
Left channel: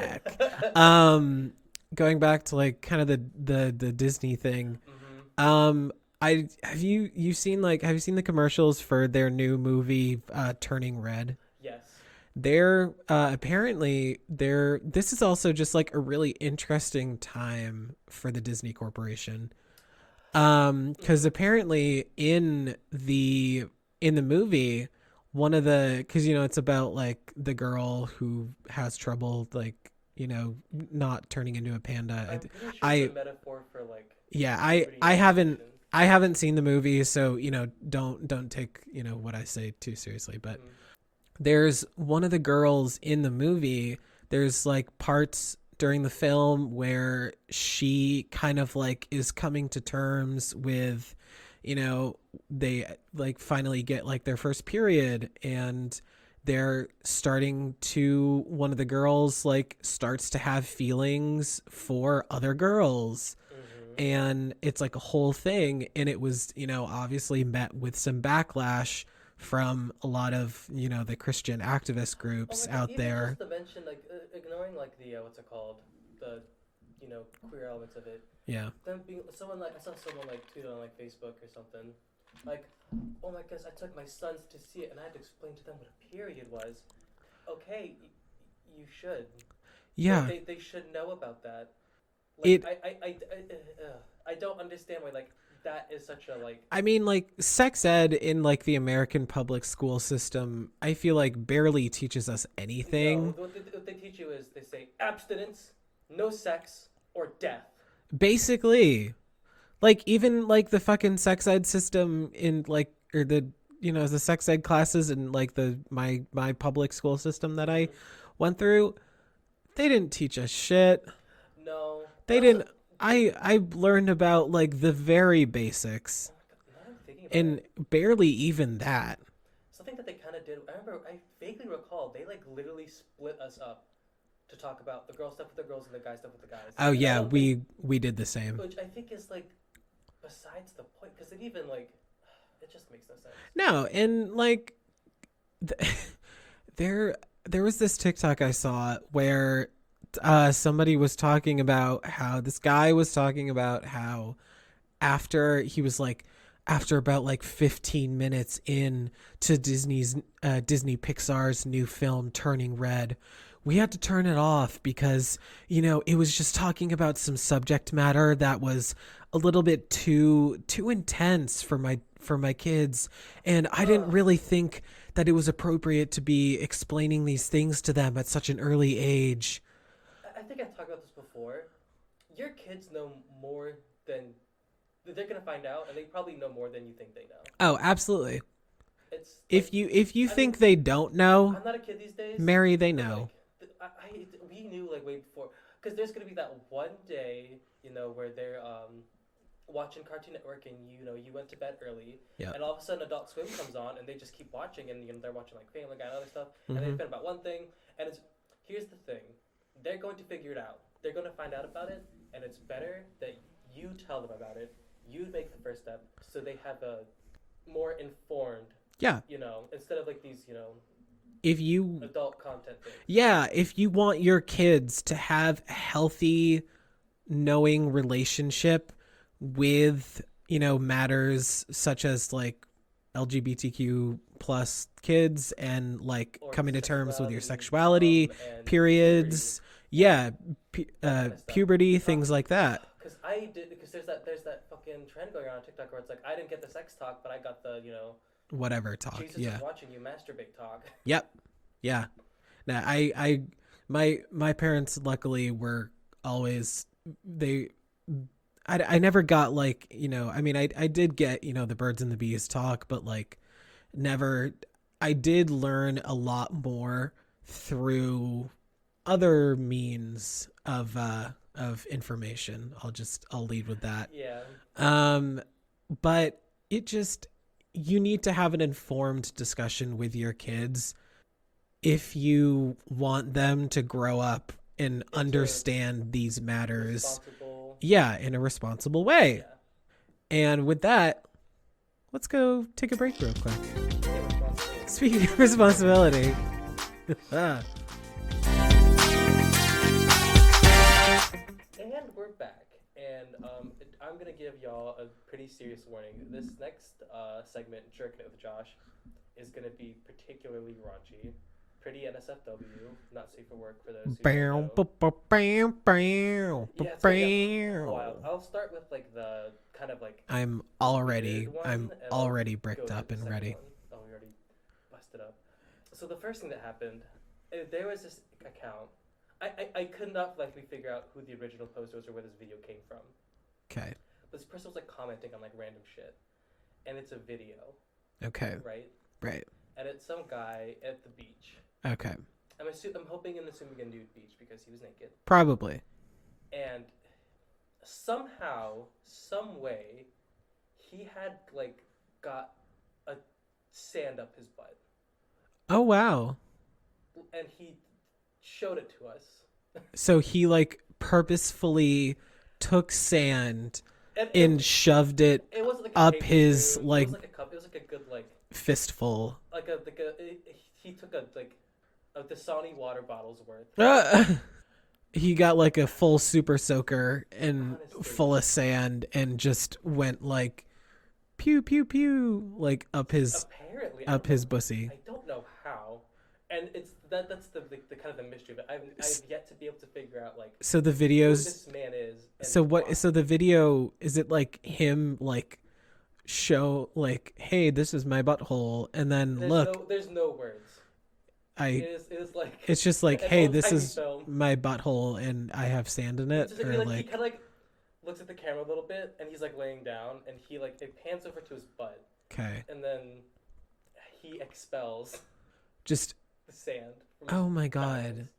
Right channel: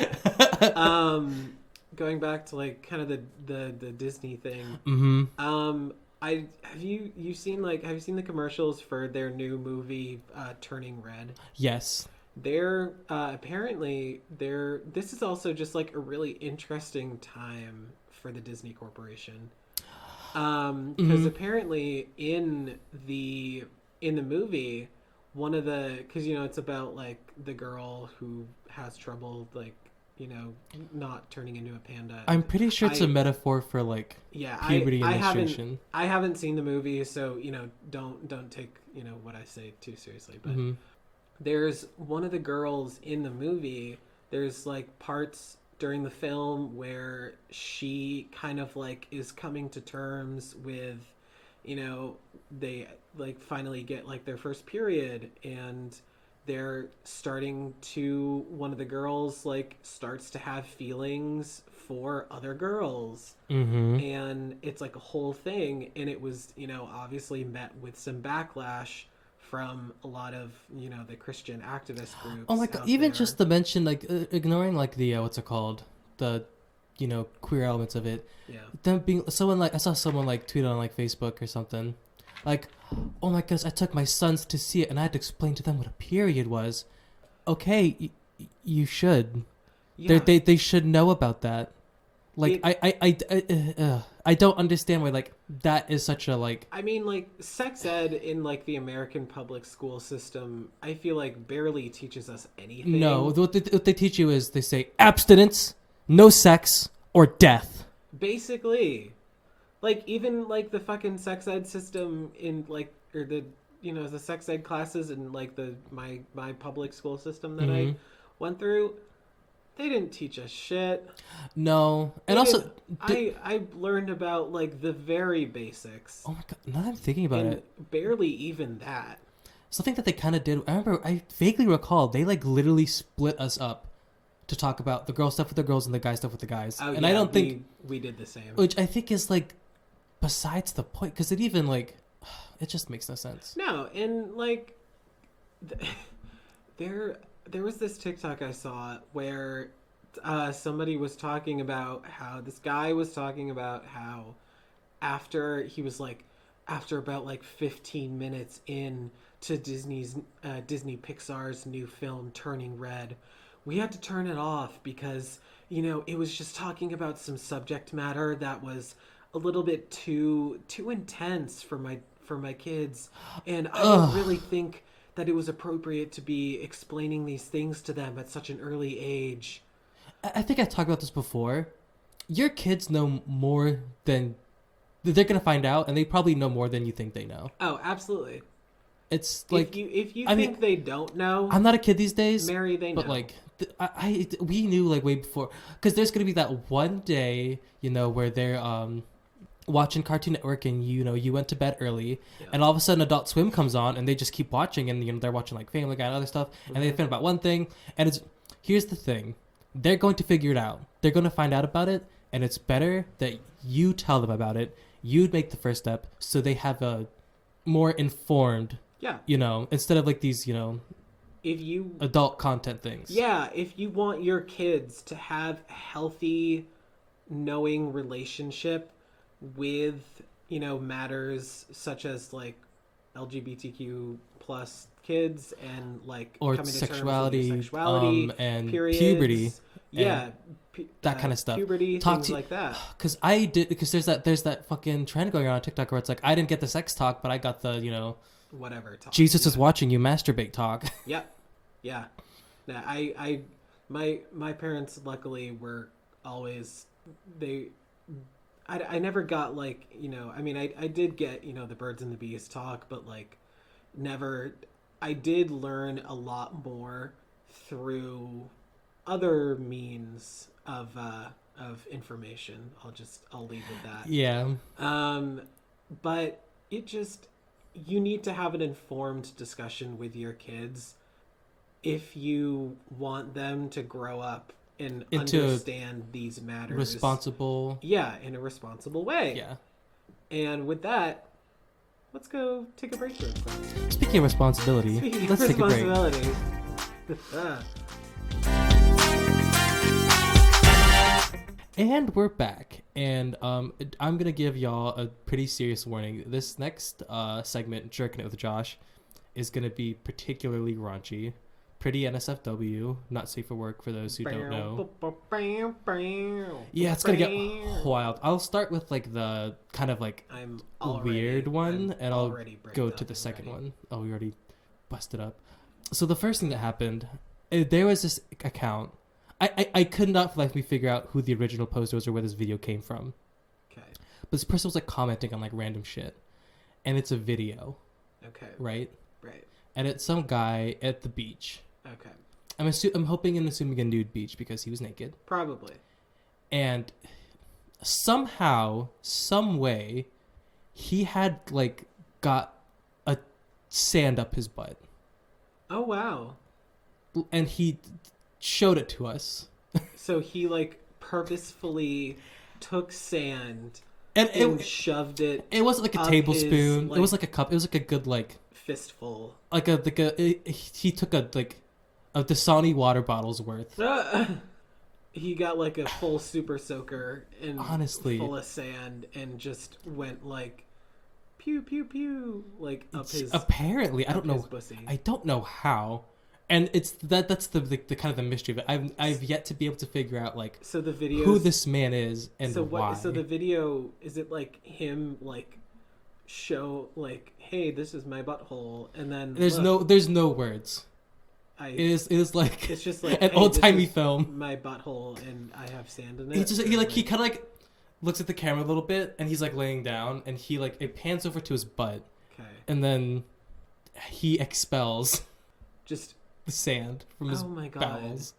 Going back to like kind of the Disney thing. Mm-hmm. Have you seen the commercials for their new movie Turning Red? Yes. They're apparently this is also just like a really interesting time for the Disney Corporation. Because apparently in the movie, one of the, because you know it's about like the girl who has trouble like, you know, not turning into a panda. I'm pretty sure it's a metaphor for like I haven't seen the movie, so you know don't take, you know, what I say too seriously, but there's one of the girls in the movie, there's like parts during the film where she kind of like is coming to terms with, you know, they like finally get like their first period, and they're starting to, one of the girls like starts to have feelings for other girls, and it's like a whole thing, and it was, you know, obviously met with some backlash from a lot of, you know, the Christian activist groups. Oh my god! Even there. Just the mention, like ignoring like the what's it called, the, you know, queer elements of it. Yeah. Them being someone like, I saw someone like tweet on like Facebook or something, like, oh my goodness, I took my sons to see it and I had to explain to them what a period was. Okay, you should. Yeah. They should know about that. Like I don't understand why like that is such a like. I mean, like sex ed in like the American public school system, I feel like barely teaches us anything. No, what they teach you is they say abstinence, no sex, or death. Basically, like even like the fucking sex ed system in like, or the, you know, the sex ed classes in like the my public school system that I went through, they didn't teach us shit. No, and also I learned about like the very basics. Oh my god! Now that I'm thinking about it, barely even that. Something that they kind of did. I vaguely recall they like literally split us up to talk about the girl stuff with the girls and the guy stuff with the guys. Oh and yeah, I don't think we did the same. Which I think is like besides the point, because it even like it just makes no sense. No, and like there was this TikTok I saw where somebody was talking about how this guy was talking about how after about like 15 minutes in to Disney Pixar's new film Turning Red, we had to turn it off because, you know, it was just talking about some subject matter that was a little bit too intense for my kids, and I didn't really think that it was appropriate to be explaining these things to them at such an early age. I think I talked about this before. Your kids know more than they're gonna find out, and they probably know more than you think they know. Oh, absolutely. It's like, if you think they don't know. I'm not a kid these days. Mary, they know. But like, we knew like way before, because there's gonna be that one day, you know, where they're watching Cartoon Network, and you know you went to bed early, and all of a sudden Adult Swim comes on, and they just keep watching, and you know they're watching like Family Guy and other stuff, and they think about one thing, and here's the thing. They're going to figure it out. They're going to find out about it, and it's better that you tell them about it. You make the first step so they have a more informed, you know, instead of like these, you know, adult content things. Yeah, if you want your kids to have a healthy, knowing relationship with, you know, matters such as like LGBTQ plus kids and like or coming to terms with your sexuality and periods, puberty, that kind of stuff, puberty, things like that. Because there's that fucking trend going on TikTok where it's like, I didn't get the sex talk, but I got the, you know, whatever talk. Jesus is watching you masturbate talk. Yep. Yeah. Now my parents luckily were always I never got like, you know, I mean I did get, you know, the birds and the bees talk, but like never. I did learn a lot more through other means of information. I'll lead with that. Yeah. But you need to have an informed discussion with your kids if you want them to grow up and understand these matters. Responsible. Yeah, in a responsible way. Yeah. And with that, let's go take a break real quick. Speaking of responsibility. And we're back. And I'm going to give y'all a pretty serious warning. This next segment, Jerking It with Josh, is going to be particularly raunchy. Pretty NSFW, not safe for work for those who don't know. Yeah, it's going to get wild. I'll start with like the kind of like I'm weird one, and I'll bricked go up to the second ready. one. Oh, we already busted up. So the first thing that happened, there was this account. I could not like me figure out who the original poster was or where this video came from. Okay. But this person was like commenting on like random shit, and it's a video. Okay. Right. And it's some guy at the beach. Okay. I'm hoping and assuming a nude beach because he was naked. Probably. And somehow, some way, he had like got a sand up his butt. Oh wow. And he showed it to us. So he like purposefully took sand and shoved it. It wasn't like a tablespoon. It was like a cup. It was like a good like fistful. He took a Dasani water bottle's worth. He got like a full super soaker and honestly, full of sand and just went like pew pew pew like up his pussy. I don't know how. And it's that's the kind of the mystery of it. I've yet to be able to figure out like so the video who this man is and so what why. So the video, is it like him like show like, hey, this is my butthole, and then there's no words. It is like it's just like an hey, old-timey film. My butthole and I have sand in it. He kind of like looks at the camera a little bit and he's like laying down and he like it pans over to his butt. Okay. And then he expels just the sand from his my god. bowels.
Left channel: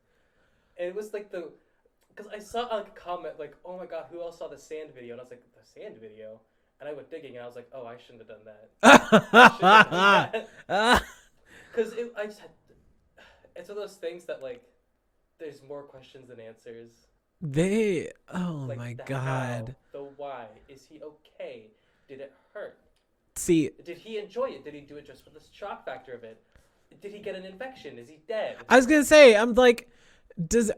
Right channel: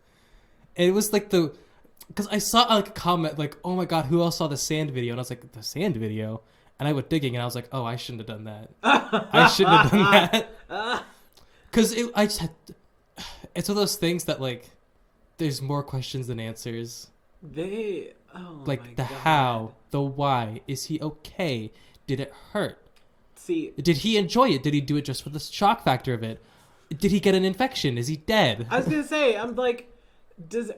And it was like because I saw like a comment like, oh my god, who else saw the sand video? And I was like, the sand video? And I went digging and I was like, oh, I shouldn't have done that. I shouldn't have done that. Because it's one of those things that like there's more questions than answers. Like my the god. How, the why. Is he okay? Did it hurt? See, did he enjoy it? Did he do it just for the shock factor of it? Did he get an infection? Is he dead? I was gonna say, I'm like,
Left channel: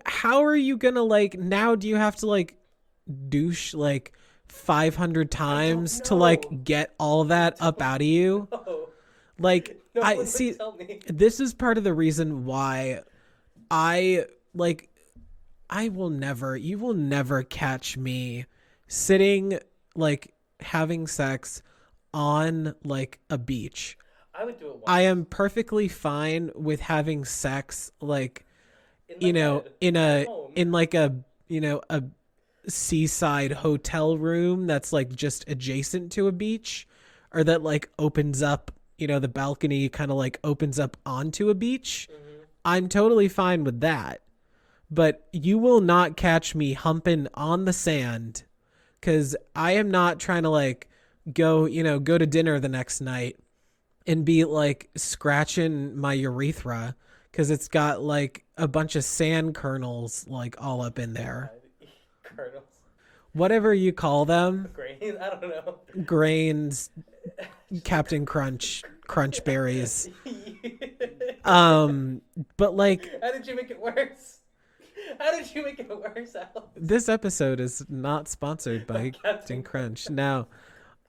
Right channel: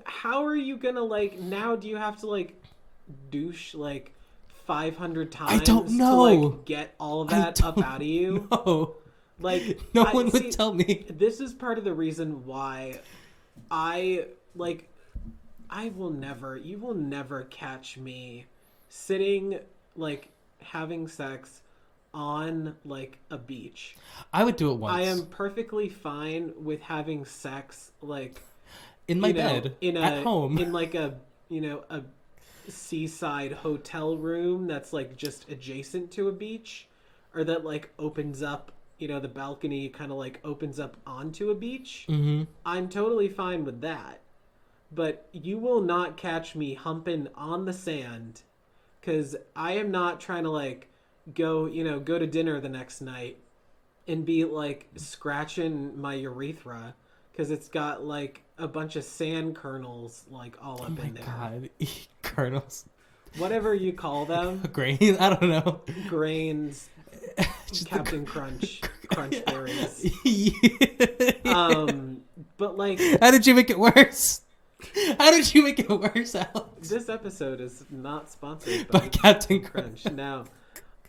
how are you gonna like now? Do you have to like douche like 500 times to like get all of that up out of you? No. Like no one would tell me. This is part of the reason why you will never catch me sitting like having sex on like a beach. I would do it once. I am perfectly fine with having sex like in my bed at home in like a a seaside hotel room that's like just adjacent to a beach, or that like opens up, the balcony kind of like opens up onto a beach. Mm-hmm. I'm totally fine with that. But you will not catch me humping on the sand, because I am not trying to like go to dinner the next night and be like scratching my urethra because it's got like a bunch of sand kernels like all up in there. Kernels, whatever you call them. Grains, I don't know. Grains, Captain Crunch berries. But like, how did you make it worse? How did you make it worse, Alex? This episode is not sponsored by Captain Crunch. No.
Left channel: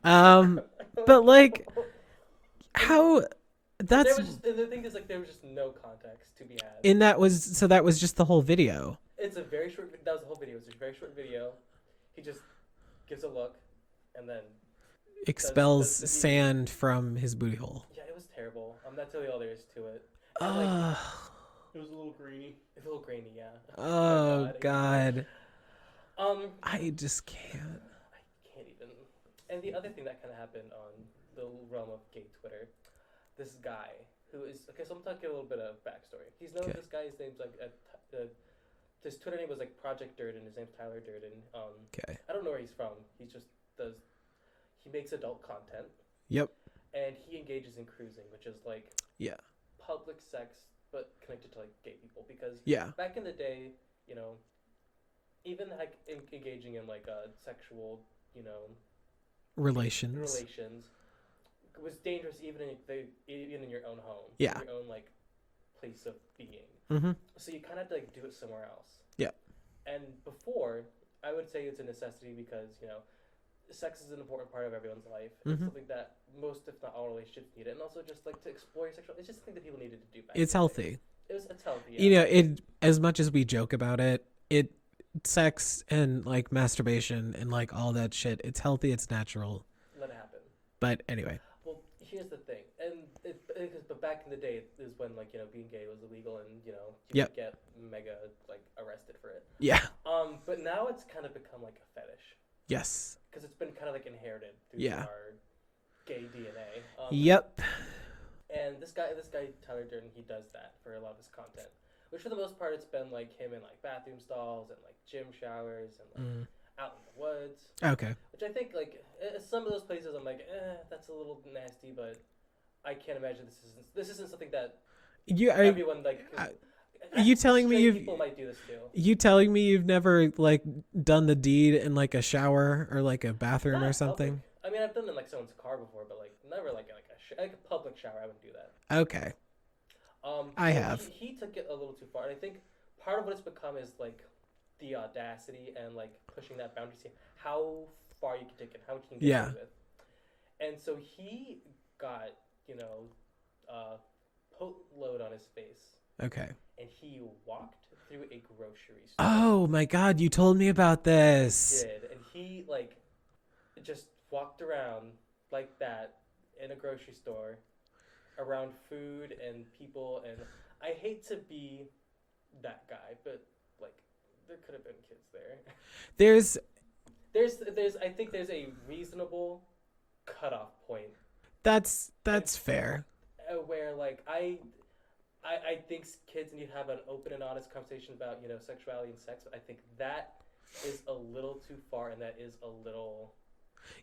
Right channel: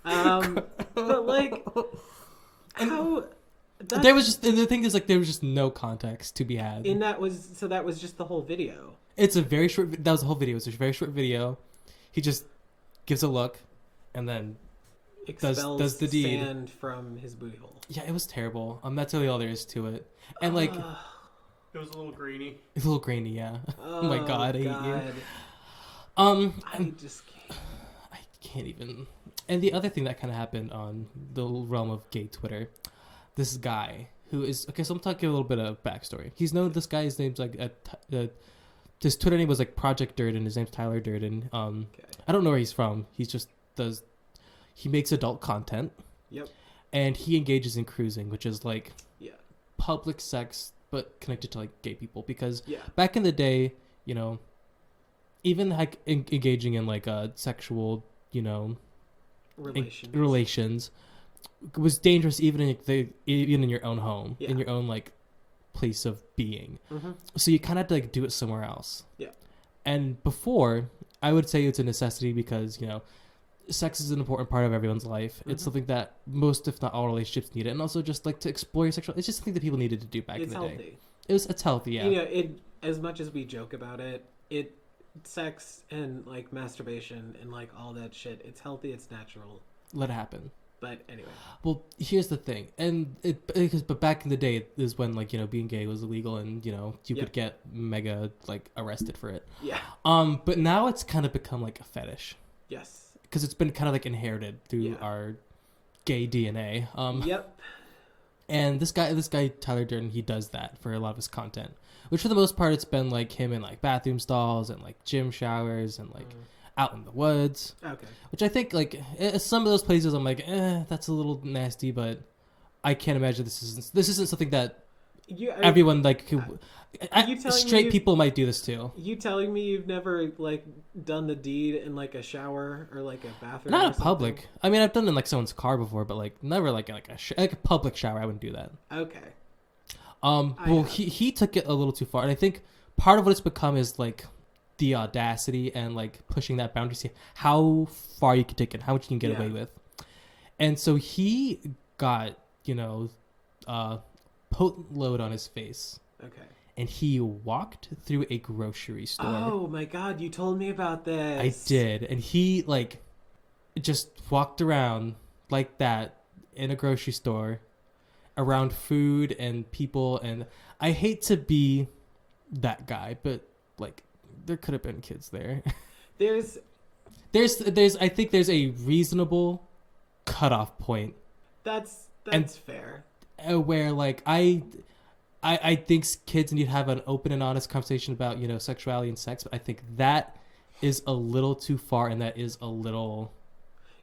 But like, how? There was just the thing is like there was just no context to be had. And that was just the whole video. It's a very short. That was the whole video. It's a very short video. He just gives a look, and then expels the sand from his booty hole. Yeah, it was terrible. That's really all there is to it. And like, it was a little grainy. It's a little grainy, yeah. Oh my god. I just can't. I can't even. And the other thing that kind of happened on the realm of gay Twitter, this guy who is okay. So I'm talking a little bit of backstory. He's known. Okay. This guy. His name's like his Twitter name was like Project Durden. His name's Tyler Durden. Okay. I don't know where he's from. He makes adult content. Yep. And he engages in cruising, which is like public sex, but connected to like gay people. Because back in the day, you know, even like engaging in like sexual, you know, relations was dangerous even in your own home, in your own like place of being. Mm-hmm. So you kind of have to like do it somewhere else. Yeah. And before, I would say it's a necessity because, you know, sex is an important part of everyone's life. Mm-hmm. It's something that most, if not all, relationships need it, and also just like to explore your sexual. It's just something that people needed to do back. It's in the healthy. Day. It's healthy. Yeah. You know, it as much as we joke about it, sex and like masturbation and like all that shit. It's healthy. It's natural. Let it happen. But anyway. Well, here's the thing, but back in the day is when like, you know, being gay was illegal and, you know, you could get mega like arrested for it. Yeah. But now it's kind of become like a fetish. Yes. Because it's been kind of like inherited through our gay DNA. Yep. And this guy Tyler Durden, he does that for a lot of his content, which for the most part it's been like him in like bathroom stalls and like gym showers and like out in the woods. Okay. Which I think like some of those places I'm like, that's a little nasty, but I can't imagine this isn't something that everyone like. You telling straight people might do this too? You telling me you've never like done the deed in like a shower or like a bathroom or something? Not public. I mean, I've done it in like someone's car before, but like never like a public shower. I wouldn't do that. Okay. He took it a little too far, and I think part of what it's become is like the audacity and like pushing that boundary, see how far you can take it, how much you can get away with. And so he got, you know, potent load on his face. Okay. And he walked through a grocery store. Oh my God, you told me about this. I did. And he like just walked around like that in a grocery store around food and people. And I hate to be that guy, but like there could have been kids there. There's I think there's a reasonable cutoff point. That's fair. Where like I think kids need to have an open and honest conversation about, you know, sexuality and sex, but I think that is a little too far, and that is a little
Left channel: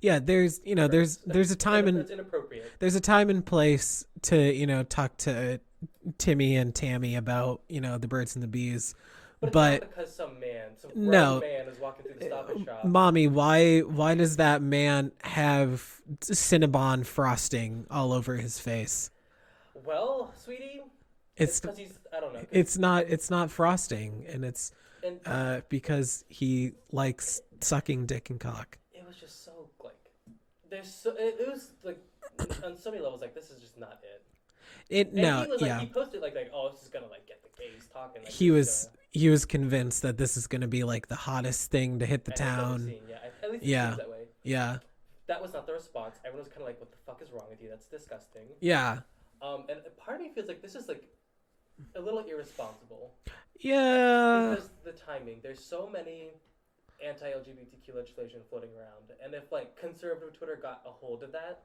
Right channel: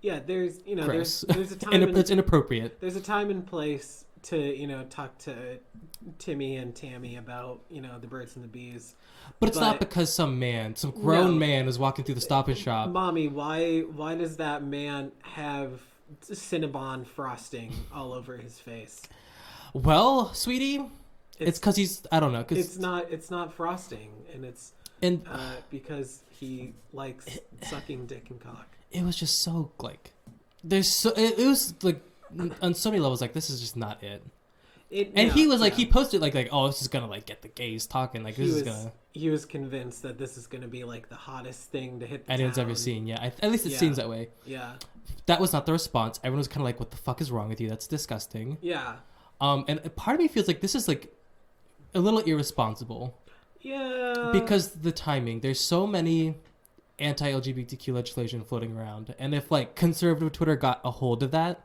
there's a time it's inappropriate. There's a time and place to, you know, talk to Timmy and Tammy about, you know, the birds and the bees. But it's not because some grown man is walking through the Stop and Shop. Mommy, why does that man have Cinnabon frosting all over his face? Well, sweetie, it's because he's, I don't know. It's not frosting, and because he likes sucking dick and cock. It was just so like, it was like on so many levels like this is just not it. He was like, he posted like, oh, this is gonna like get the gays talking. Like he was convinced that this is gonna be like the hottest thing to hit the town. It's ever seen. Yeah, at least it seems that way. Yeah, that was not the response. Everyone was kind of like, what the fuck is wrong with you? That's disgusting. Yeah. And part of me feels like this is like a little irresponsible. Yeah. Because the timing, there's so many anti-LGBTQ legislation floating around, and if like conservative Twitter got a hold of that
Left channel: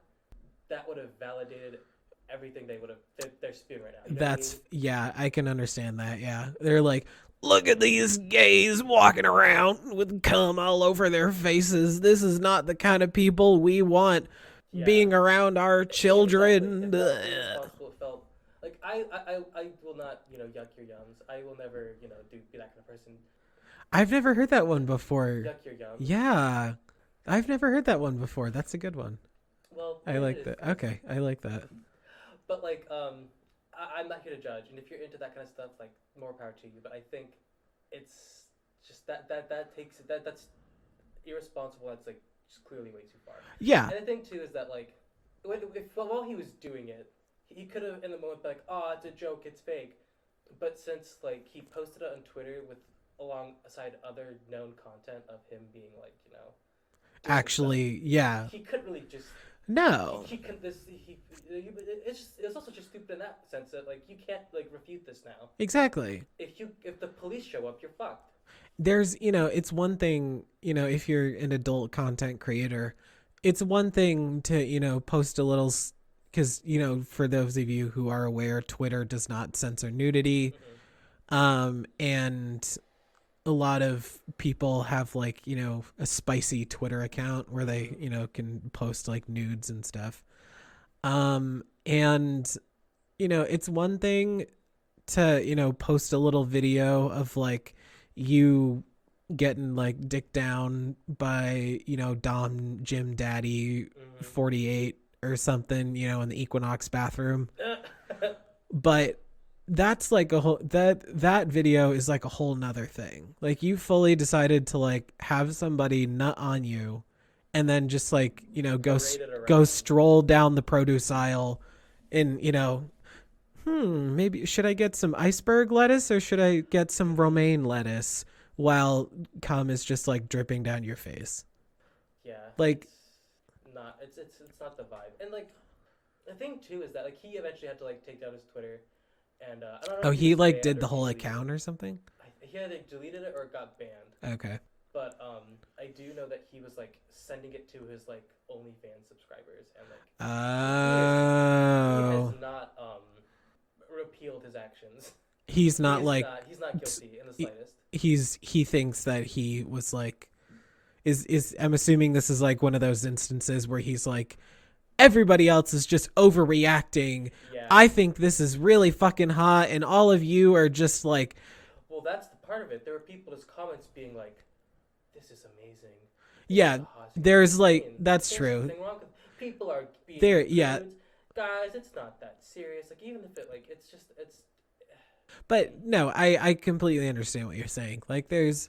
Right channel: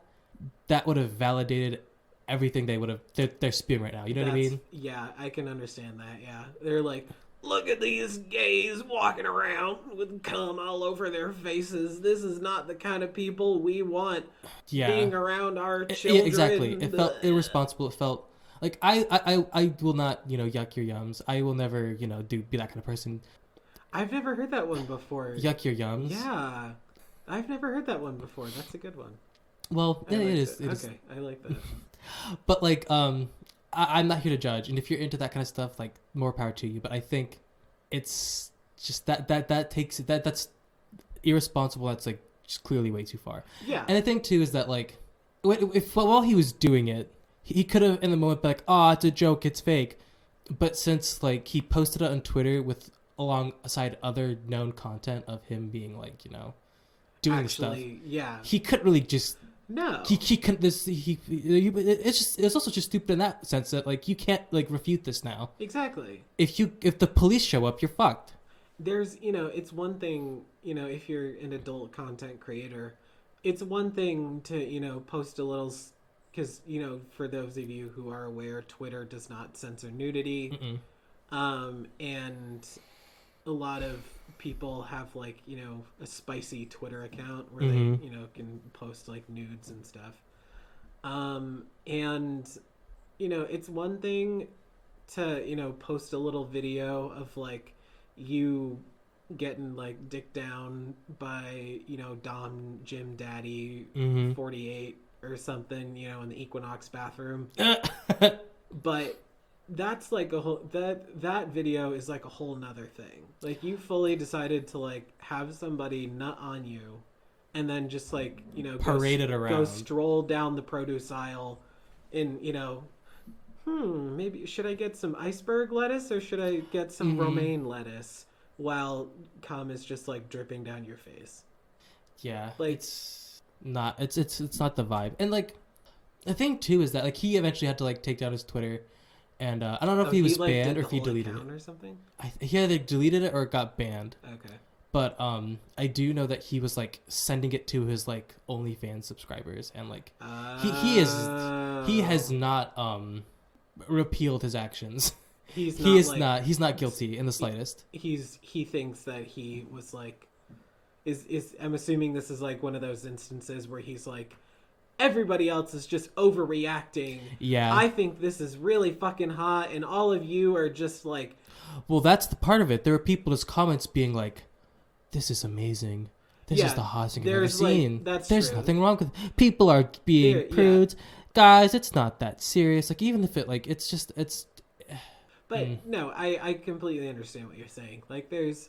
would have validated everything they're spewing right now. You know what I mean? Yeah, I can understand that. Yeah, they're like, look at these gays walking around with cum all over their faces. This is not the kind of people we want being around our children. Exactly. It felt irresponsible. It felt like I will not, you know, yuck your yums. I will never, you know, be that kind of person. I've never heard that one before. Yuck your yums. Yeah, I've never heard that one before. That's a good one. Well, it is. Okay, I like that. But like, I'm not here to judge, and if you're into that kind of stuff, like, more power to you. But I think it's just that's irresponsible. That's like just clearly way too far. Yeah. And the thing too is that like, while he was doing it, he could have in the moment been like, oh, it's a joke, it's fake. But since like he posted it on Twitter with alongside other known content of him being like, you know, doing actually stuff, yeah, he couldn't really just. No, he couldn't. It's also just stupid in that sense that like you can't like refute this now. Exactly. If the police show up, you're fucked. There's, you know, it's one thing, you know, if you're an adult content creator, it's one thing to, you know, post a little, because, you know, for those of you who are aware, Twitter does not censor nudity. And a lot of people have like, you know, a spicy Twitter account where they, you know, can post like nudes and stuff. And, you know, it's one thing to, you know, post a little video of like you getting like dick down by, you know, Dom Jim Daddy 48 or something, you know, in the Equinox bathroom. But that's like a whole that video is like a whole nother thing. Like you fully decided to like have somebody nut on you and then just like, you know, go stroll down the produce aisle and, you know, maybe should I get some iceberg lettuce or should I get some romaine lettuce while cum is just like dripping down your face? Yeah, like it's not the vibe. And like the thing too is that like he eventually had to like take down his Twitter, and I don't know if he was like banned did or the if he whole deleted account it. or something. He either deleted it or it got banned. Okay. But I do know that he was like sending it to his like OnlyFans subscribers, and like he has not repealed his actions. He's not guilty in the slightest. He thinks that he was like is I'm assuming this is like one of those instances where he's like, everybody else is just overreacting. Yeah. I think this is really fucking hot and all of you are just like, well, that's the part of it. There were people in his comments being like, this is amazing. This is the hottest thing I've ever seen. That's There's true. nothing wrong with it. People are being prudes. Yeah. Guys, it's not that serious. Like even if it like it's just it's But no, I completely understand what you're saying. Like there's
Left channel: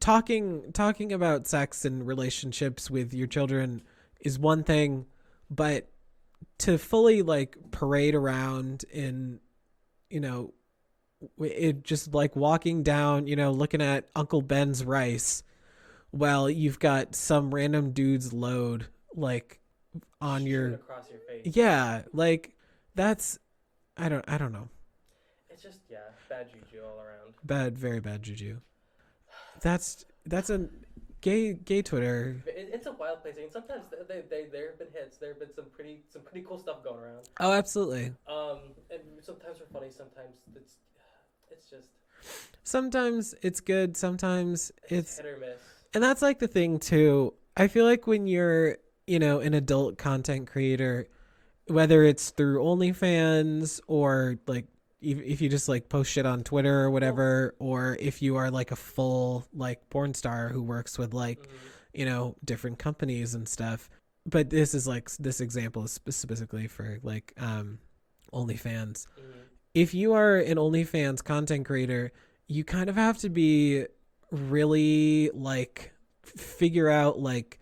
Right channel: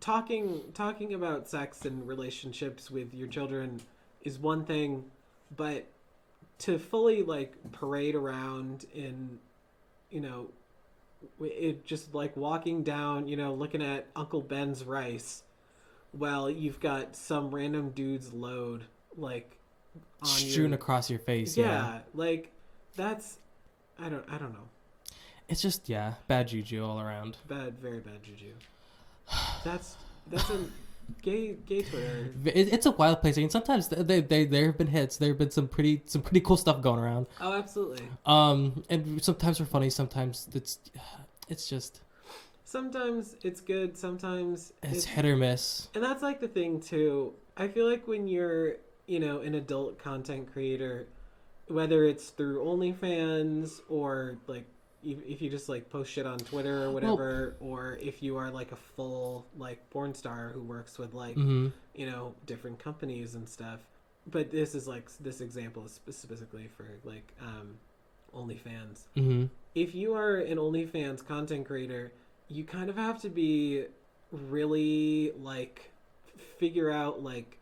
talking about sex and relationships with your children is one thing, but to fully like parade around in, you know, it just like walking down, you know, looking at Uncle Ben's rice while you've got some random dude's load like on strewn across your face. Yeah, like that's I don't know. It's just bad juju all around. Very bad juju. That's a gay Twitter. It's a wild place. I mean, sometimes there have been hits. There have been some pretty cool stuff going around. Oh, absolutely. And sometimes we're funny. Sometimes it's just. Sometimes it's good. Sometimes it's hit or miss. And that's like the thing too. I feel like when you're, you know, an adult content creator, whether it's through OnlyFans or like if you just like post shit on Twitter or whatever, or if you are like a full like porn star who works with like, you know, different companies and stuff. But this example is specifically for like OnlyFans. If you are an OnlyFans content creator, you kind of have to be really like figure out like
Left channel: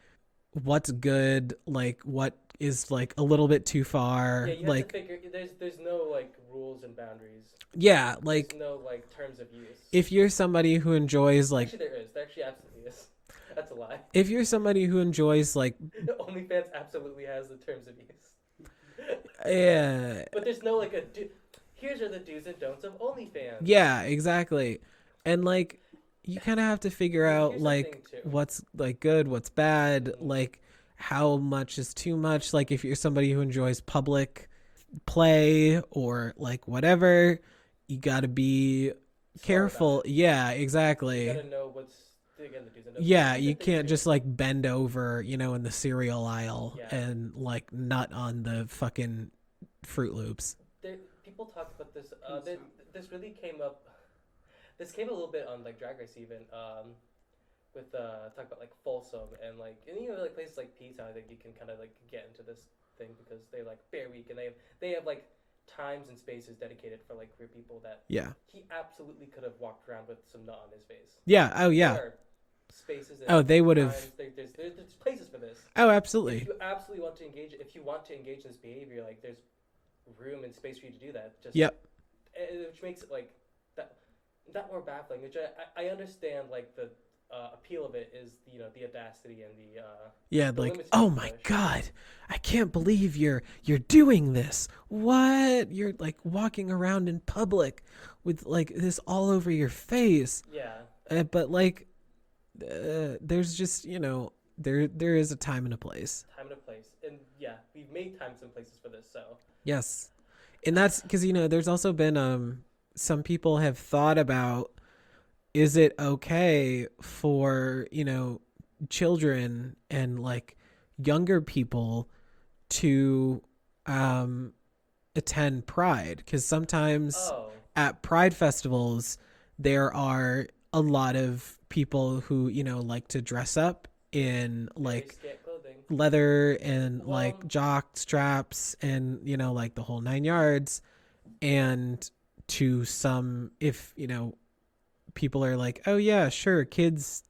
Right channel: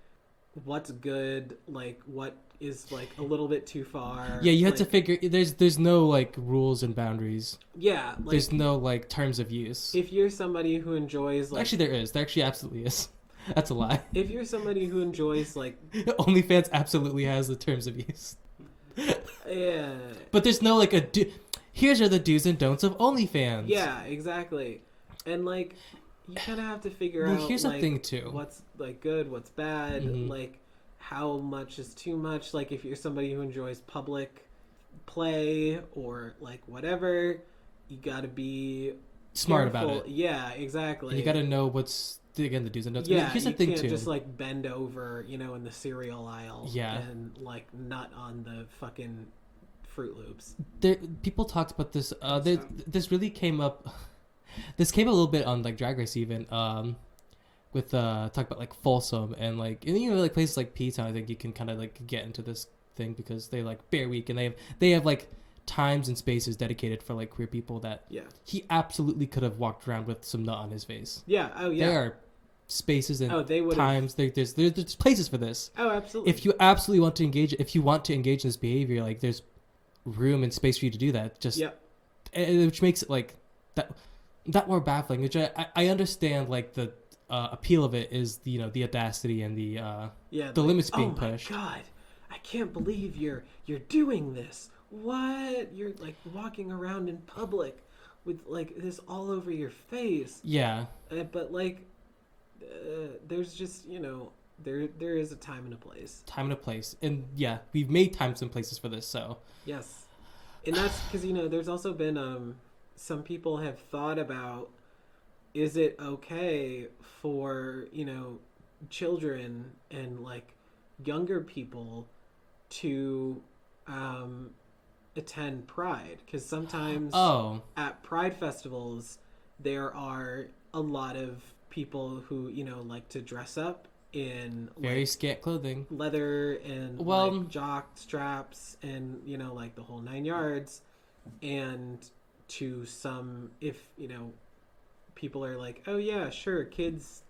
what's good, like what is like a little bit too far. Yeah, you have to figure. There's no like rules and boundaries. Yeah, like there's no like terms of use. If you're somebody who enjoys like, actually there is. There actually absolutely is. That's a lie. If you're somebody who enjoys like, OnlyFans absolutely has the terms of use. Yeah, but there's no like here's are the do's and don'ts of OnlyFans. Yeah, exactly, and like you kind of have to figure out here's like the thing too. What's like good, what's bad, like how much is too much. Like if you're somebody who enjoys public play or like whatever, you got to be smart careful. About it. Yeah, exactly. You got to know what's again the do's and don'ts. Yeah, you can't just like bend over, you know, in the cereal aisle and like nut on the fucking Fruit Loops. People talked about this. This really came up. This came a little bit on like Drag Race even. With talk about like Folsom and like you know like places like P-Town. I think you can kind of like get into this thing because they like Bear Week and they have like times and spaces dedicated for like queer people that he absolutely could have walked around with some nut on his face. Yeah. Oh yeah. There are spaces and they would times. There's places for this. Oh, absolutely. If you absolutely want to engage, if you want to engage in this behavior, like there's room and space for you to do that. Just which makes it like that more baffling. Which I understand like the appeal of it is the audacity and the limits being pushed. Oh my god, I can't believe you're doing this. What? You're like walking around in public with like this all over your face. Yeah. But like there's just, you know, there is a time and a place. Time and a place. And yeah, we've made times and places for this, so. Yes. And that's because, you know, there's also been some people have thought about is it okay for, children and like younger people to attend Pride? Because sometimes at Pride festivals there are a lot of people who like to dress up in very scant clothing, leather and like jock straps and like the whole 9 yards. And to some, if people are like, oh yeah, sure, kids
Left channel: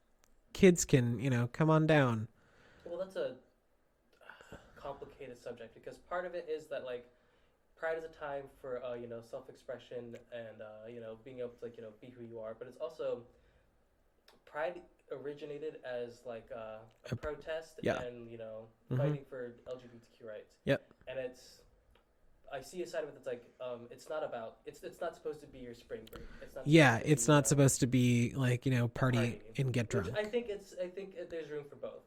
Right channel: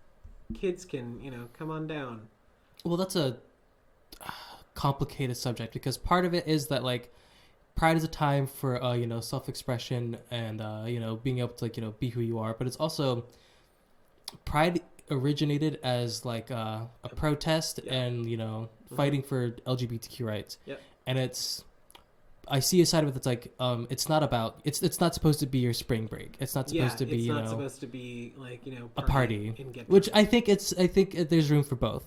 can come on down. Well, that's a complicated subject, because part of it is that like Pride is a time for self-expression and being able to like be who you are, but it's also Pride originated as like a protest and fighting for LGBTQ rights. Yep. And I see a side of it that's like it's not about it's not supposed to be your spring break. It's not supposed to be it's not supposed to be like a party and get drunk. Which I think there's room for both.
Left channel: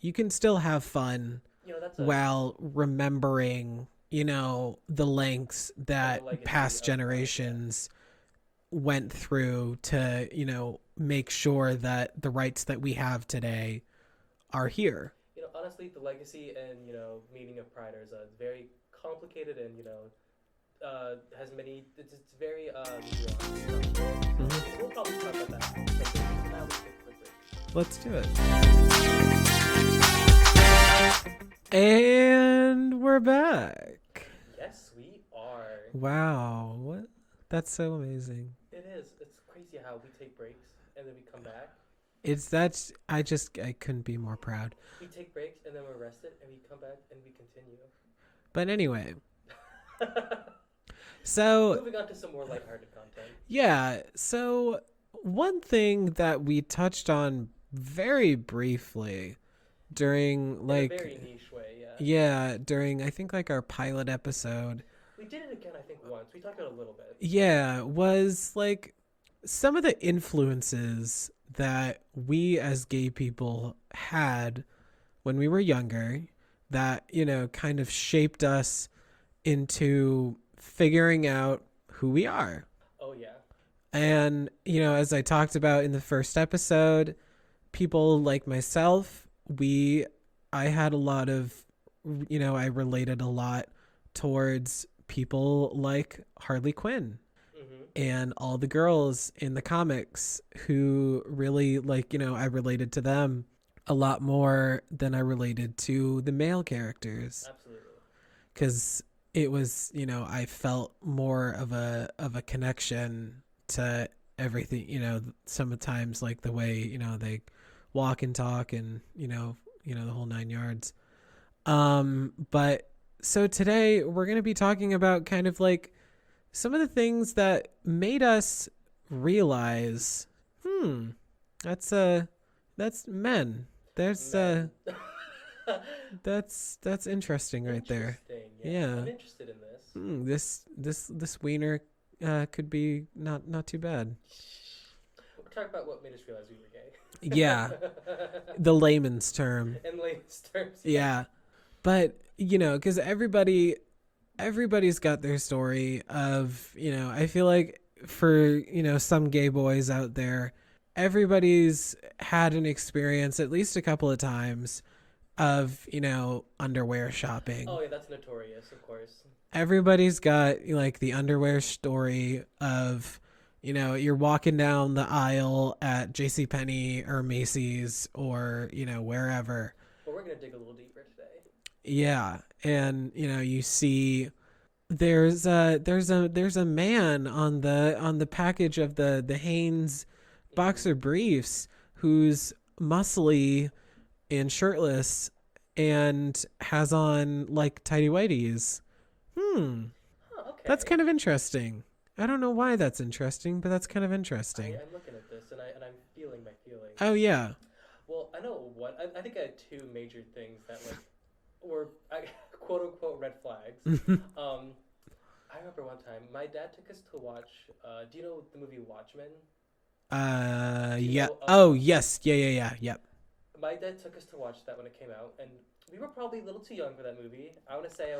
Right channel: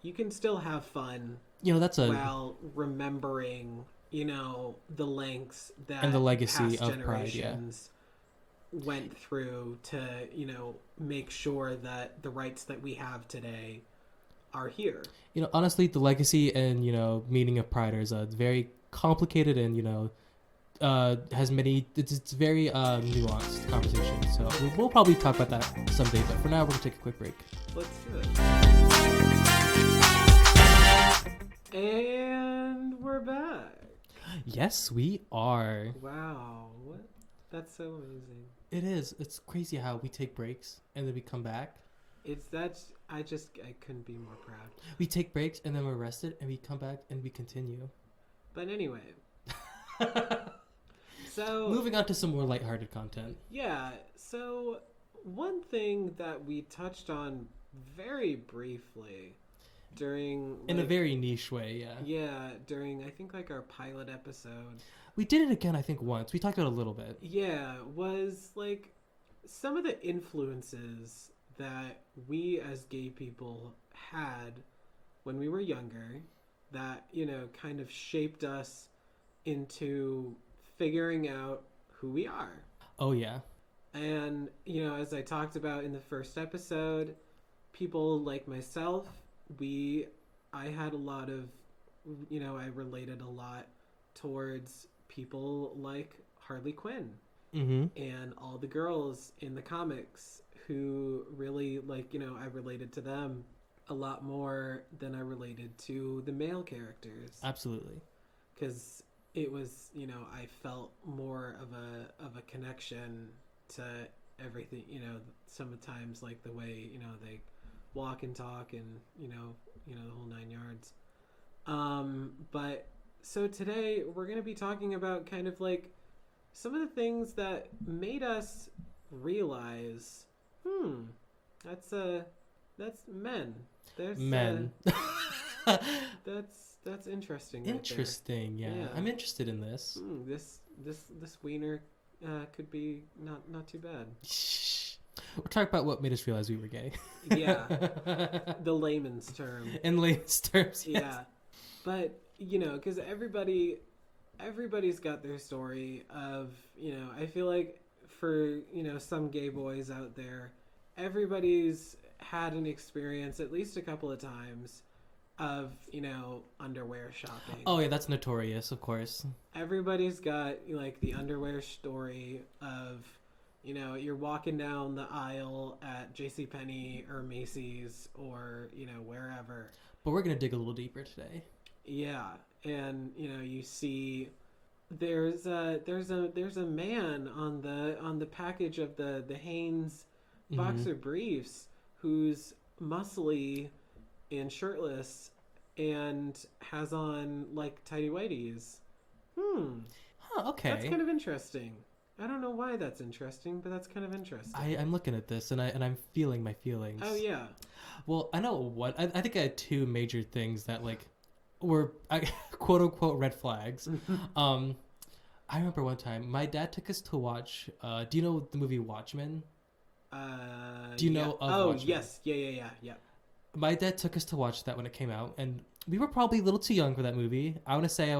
You can still have fun. That's while remembering the lengths that and the legacy past generations went through to make sure that the rights that we have today are here. Honestly, the legacy and meaning of Pride is a very complicated and has many. It's very nuanced conversation. So we'll probably talk about that someday. But for now, we're gonna take a quick break. Let's do it. And we're back. Yes, we are. Wow, what? That's so amazing. It is. It's crazy how we take breaks and then we come back. I couldn't be more proud. We take breaks and then we're rested and we come back and we continue. But anyway. So moving on to some more lighthearted content. Yeah. So one thing that we touched on very briefly during in a very niche way, during I think like our pilot episode, we did it again I think once. We talked about it a little bit, was like some of the influences that we as gay people had when we were younger that kind of shaped us into figuring out who we are. And as I talked about in the first episode, people like myself, I had a lot of, I related a lot towards people like Harley Quinn and all the girls in the comics who really I related to them a lot more than I related to the male characters. Absolutely. Because it was, I felt more of a connection to everything, sometimes like the way, they walk and talk and the whole 9 yards. But so today we're going to be talking about kind of like some of the things that made us realize that's men. There's men. That's interesting right there. Interesting. Yeah. I'm interested in this. This wiener could be not too bad. We're talking about what made us realize we were gay. Yeah. The layman's term. In layman's terms. Yes. Yeah. But, because everybody's got their story of, I feel like for, some gay boys out there, everybody's had an experience at least a couple of times of, underwear shopping. Oh, yeah, that's notorious, of course. Everybody's got, like, the underwear story of, you're walking down the aisle at JCPenney or Macy's or, wherever. But we're going to dig a little deeper today. Yeah. And, you see there's a man on the package of the Hanes boxer briefs who's muscly and shirtless and has on like tighty whities. Okay. That's kind of interesting. I don't know why that's interesting, but that's kind of interesting. I'm looking at this and I'm feeling my feelings. Oh yeah. Well, I know what I think I had two major things that like were quote unquote red flags. I remember one time my dad took us to watch. Do you know the movie Watchmen? Do you know Watchmen? Yes. Yeah. Yep. My dad took us to watch that when it came out, and we were probably a little too young for that movie. I want to say I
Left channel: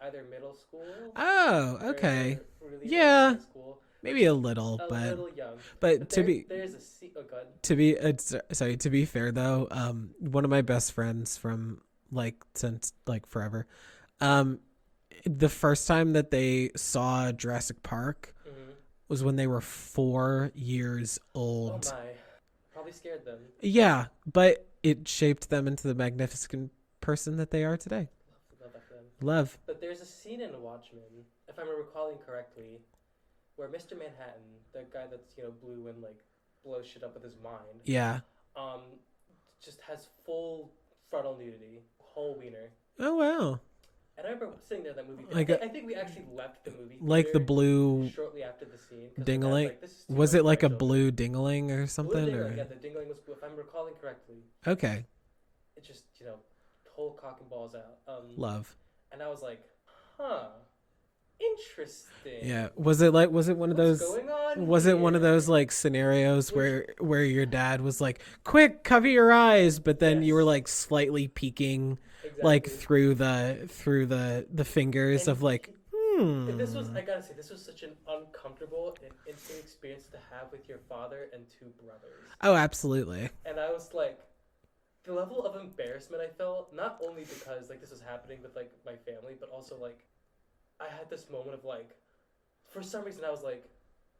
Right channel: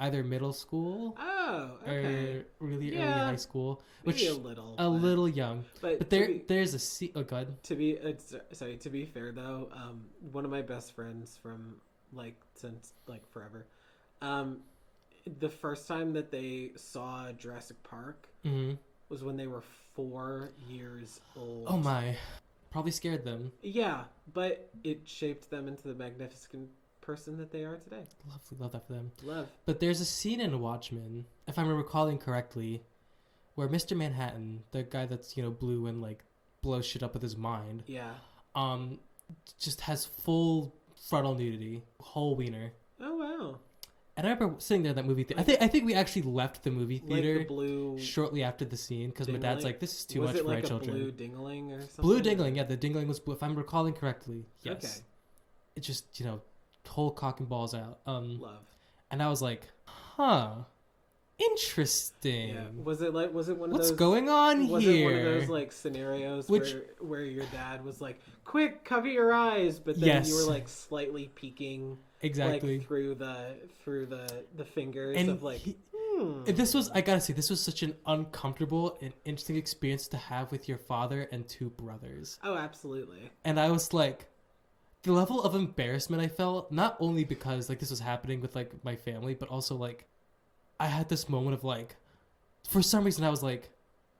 either middle school. Oh, okay. Or really early Yeah. high school. Maybe a little. A little young. But there's a scene. Oh, God. To be fair though, one of my best friends from since forever, the first time that they saw Jurassic Park was when they were 4 years old. Oh my. Probably scared them. Yeah, but it shaped them into the magnificent person that they are today. Love that for them. Love. But there's a scene in Watchmen, if I'm recalling correctly, where Mr. Manhattan, the guy that's, blue and blows shit up with his mind. Yeah. Just has full frontal nudity, whole wiener. Oh wow. And I remember sitting there in that movie theater. I think we actually left the movie theater the blue shortly after the scene because my Dingaling? dad's like, "This is too was much it for like my a children." blue Dingaling or something? Blue Dingaling, yeah. The Dingaling was blue, if I'm recalling correctly. Yes. Okay. It just whole cock and balls out. Love. And I was like, huh. Interesting. Yeah. Was it one of those? What's going on Was here? it one of those scenarios where your dad was like, "Quick, cover your eyes," but then you were slightly peeking, through the fingers and of This was, I gotta say, this was such an uncomfortable and interesting experience to have with your father and 2 brothers. Oh, absolutely. And I was like, the level of embarrassment I felt, not only because this was happening with my family, but also I had this moment of for some reason I was like,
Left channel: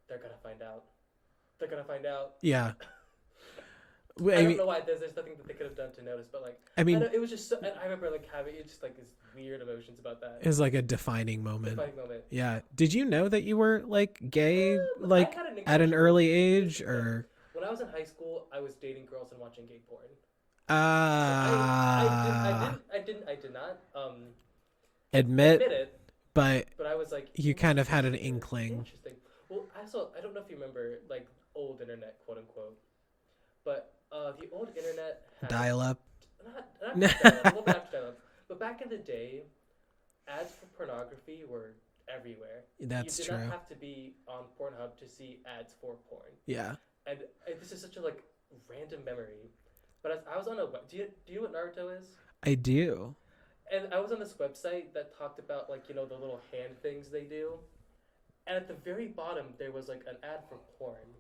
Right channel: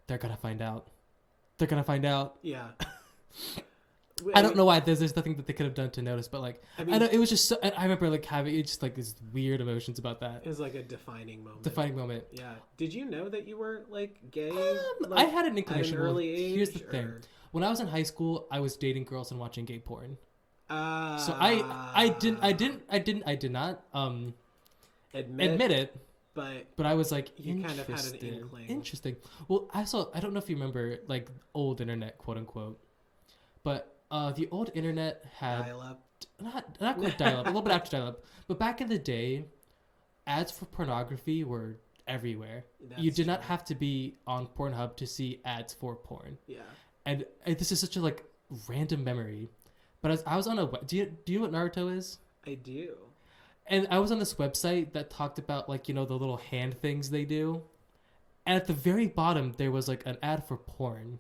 they're gonna find out. They're gonna find out. Yeah. I don't know why there's nothing that they could have done to notice, but it was just so, I remember having just these weird emotions about that. It was a defining moment. Defining moment. Yeah. Did you know that you were gay I had an at an early age or when I was in high school, I was dating girls and watching gay porn. So I did not admit it. But I was you kind of had an inkling. Interesting. Well, I don't know if you remember old internet, quote unquote, but the old internet had dial-up. Not dial-up, a little bit after dial-up. But back in the day, ads for pornography were everywhere. You did not have to be on Pornhub to see ads for porn. Yeah. And this is such a random memory. But as I was on do you know what Naruto is? I do. And I was on this website that talked about the little hand things they do. And at the very bottom there was an ad for porn.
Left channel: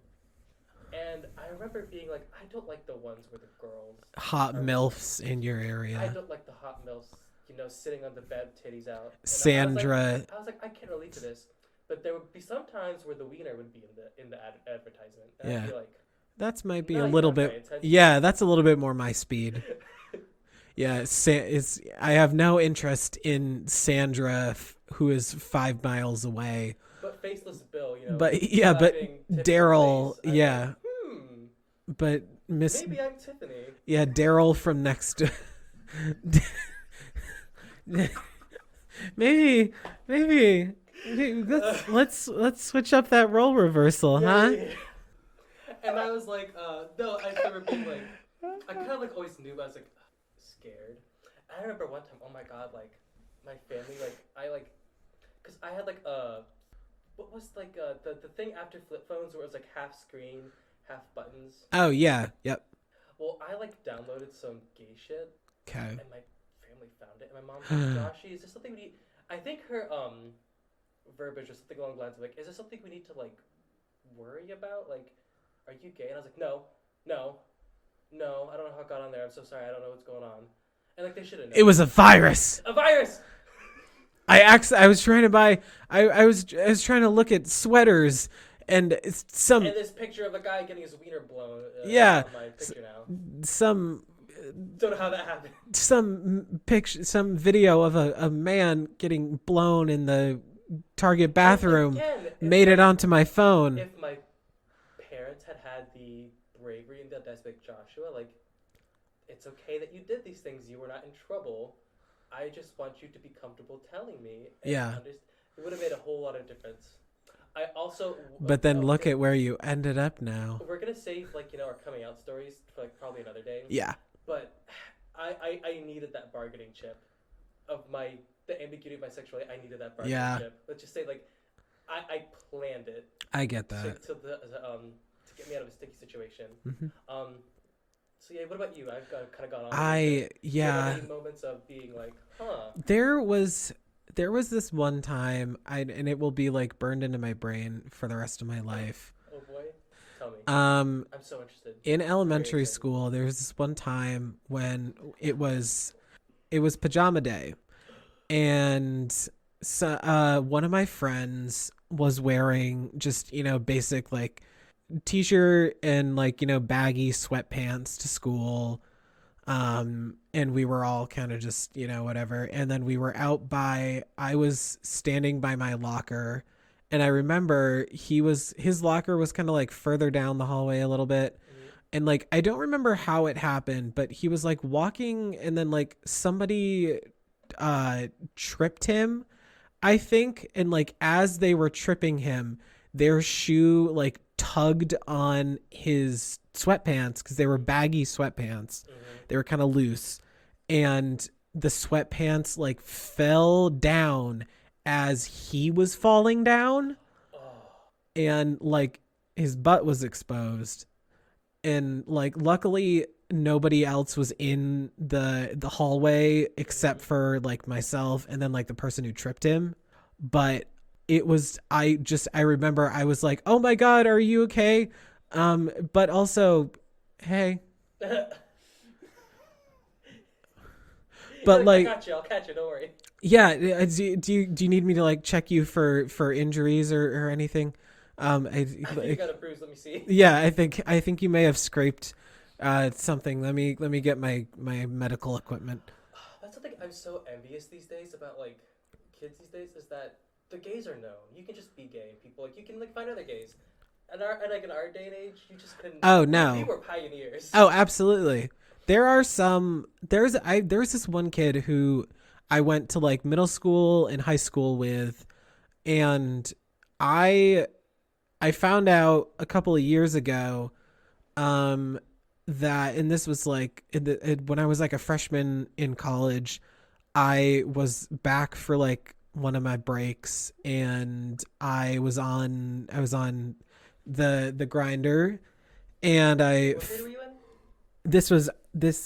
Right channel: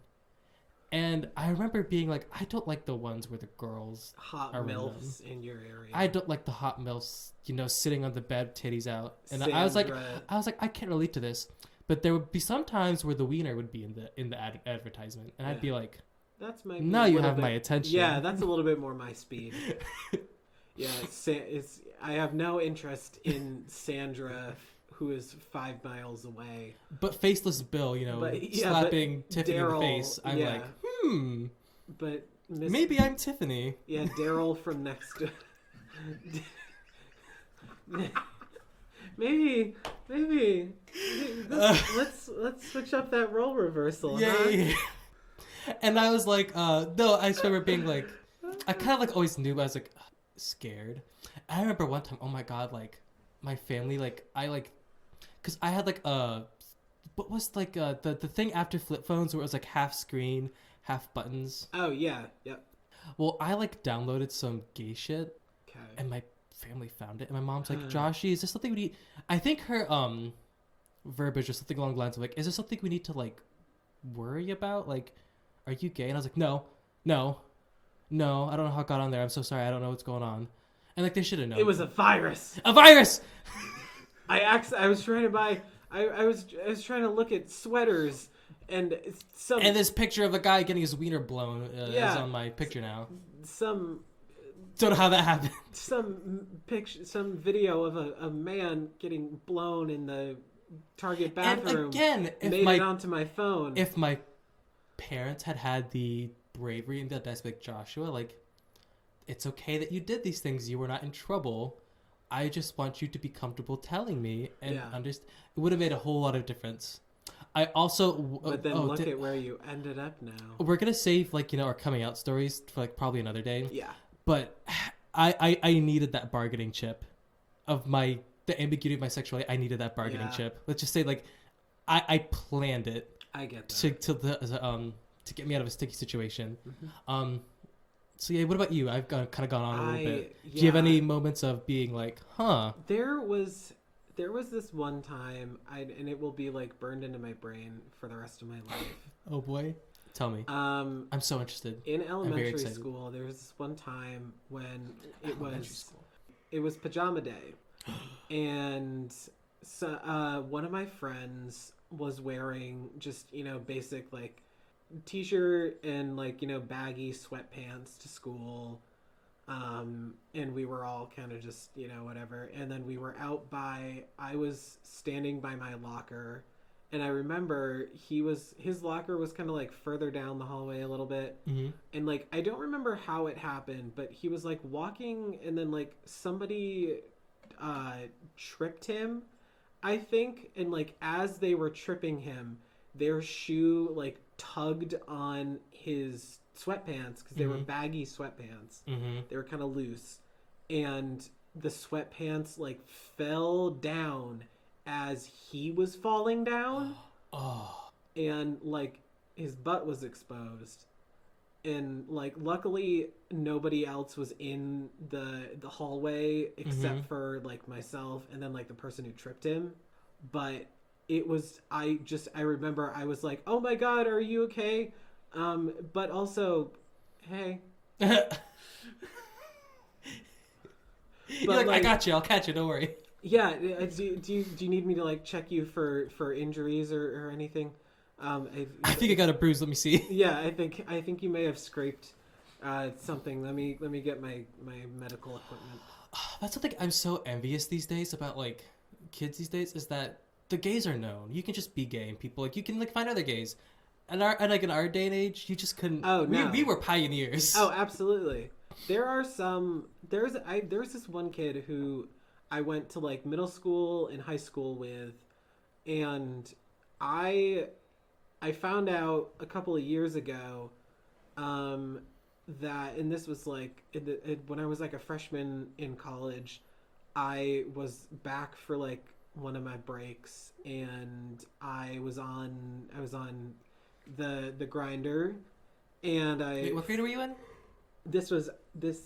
And I remember being I don't like the ones where the girls hot MILFs in your area. I don't like the hot MILFs, sitting on the bed, titties out. And Sandra. I was like, I can't relate to this. But there would be some times where the wiener would be in the advertisement, and I'd be like, "That might be now a you little have bit." my attention. Yeah, that's a little bit more my speed. Yeah, I have no interest in Sandra, who is 5 miles away. But faceless Bill, but Daryl, yeah. But maybe I'm Tiffany. Yeah, Daryl from next to. maybe. Let's switch up that role reversal, huh? Yeah. And I was like, no, I just remember being I kind of always knew, but I was scared. I remember one time, oh my god, my family, because I had what was the thing after flip phones where it was half screen, half buttons. Oh yeah, yep. Well, I downloaded some gay shit. Okay. And my family found it, and my mom's like, "Joshy, is this something we need?" I think her verbiage or something along the lines of "Is this something we need to worry about? Are you gay?" And I was like, "No, I don't know how it got on there. I'm so sorry. I don't know what's going on." And they should have known. It was a virus. A virus. I was trying to buy. I was trying to look at sweaters, and and this picture of a guy getting his wiener blown. Is on my picture now. Don't know how that happened. Some video of a man getting blown in the Target bathroom. Made it onto my phone. If my parents had the bravery and the audacity, Joshua, it's okay that you did these things. You were not in trouble. I just want you to be comfortable telling me. And it would have made a whole lot of difference. I also... But then look at where you ended up now. We're going to save, our coming out stories for, probably another day. Yeah. But I needed that bargaining chip of the ambiguity of my sexuality. I needed that bargaining chip. Let's just say, I planned it. I get that. To get me out of a sticky situation. Mm-hmm. So yeah, what about you? I've kind of gone on. Do you have any moments of being huh? There was there was this one time, and it will be like burned into my brain for the rest of my life. Oh boy, tell me. I'm so interested. In elementary school, there was this one time when it was pajama day, and so one of my friends was wearing just basic like t-shirt and like baggy sweatpants to school. And we were all kind of just, whatever. And then we were I was standing by my locker, and I remember his locker was kind of like further down the hallway a little bit. Mm-hmm. And like, I don't remember how it happened, but he was like walking, and then like somebody, tripped him, I think. And like, as they were tripping him, their shoe like tugged on his sweatpants, because they were baggy sweatpants. Mm-hmm. They were kind of loose, and the sweatpants like fell down as he was falling down. And like his butt was exposed, and like luckily nobody else was in the hallway except for like myself and then like the person who tripped him. But it was, I remember I was like, oh my God, are you okay? But also, hey. But like, I got you. I'll catch you. Don't worry. Yeah. Do you need me to like check you for injuries or anything? I think I got a bruise. Let me see. Yeah, I think you may have scraped something. Let me get my medical equipment. That's something I'm so envious these days about like kids these days, is that the gays are known. You can just be gay, and people like you can like find other gays. And like in our day and age, you just couldn't. Oh no, we were pioneers. Oh, absolutely. There's this one kid who I went to like middle school and high school with, and I found out a couple of years ago, that, and this was like when I was like a freshman in college, I was back for like one of my breaks, and I was on the grinder, and what grade were you in? This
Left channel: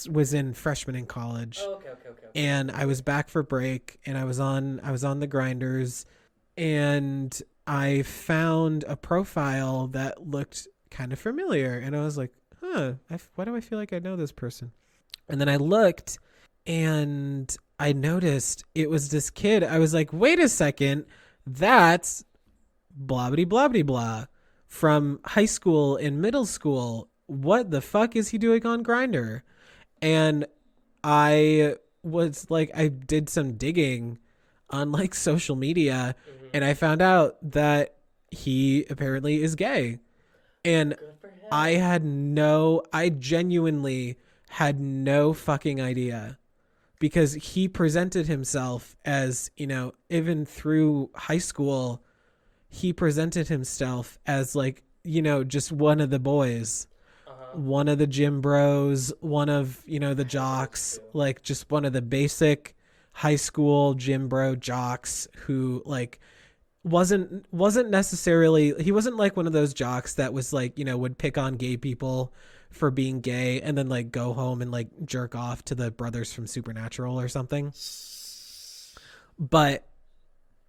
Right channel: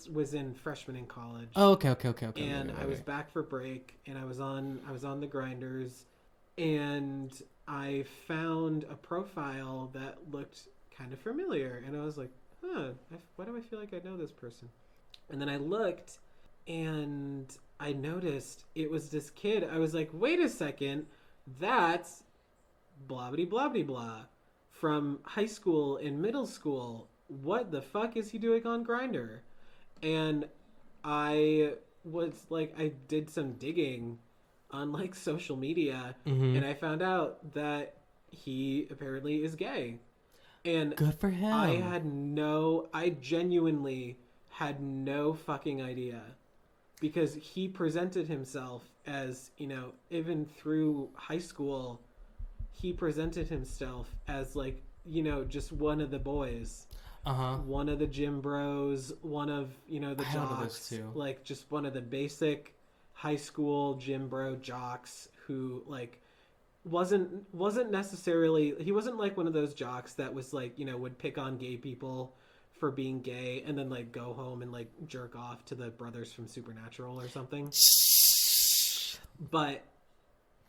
was in freshman in college. Oh, okay. And I was back for break, and I was on the grinders, and I found a profile that looked kind of familiar, and I was like, why do I feel like I know this person? And then I looked, and I noticed it was this kid. I was like, wait a second, that's blah blah blah blah blah from high school and middle school. What the fuck is he doing on Grindr? And I was like, I did some digging on like social media, and I found out that he apparently is gay. And good for him. I genuinely had no fucking idea, because he presented himself as, even through high school, he presented himself as like, just one of the boys. One of the gym bros, one of, the jocks, like just one of the basic high school gym bro jocks who like wasn't necessarily, he wasn't like one of those jocks that was like, would pick on gay people for being gay and then like go home and like jerk off to the brothers from Supernatural or something. But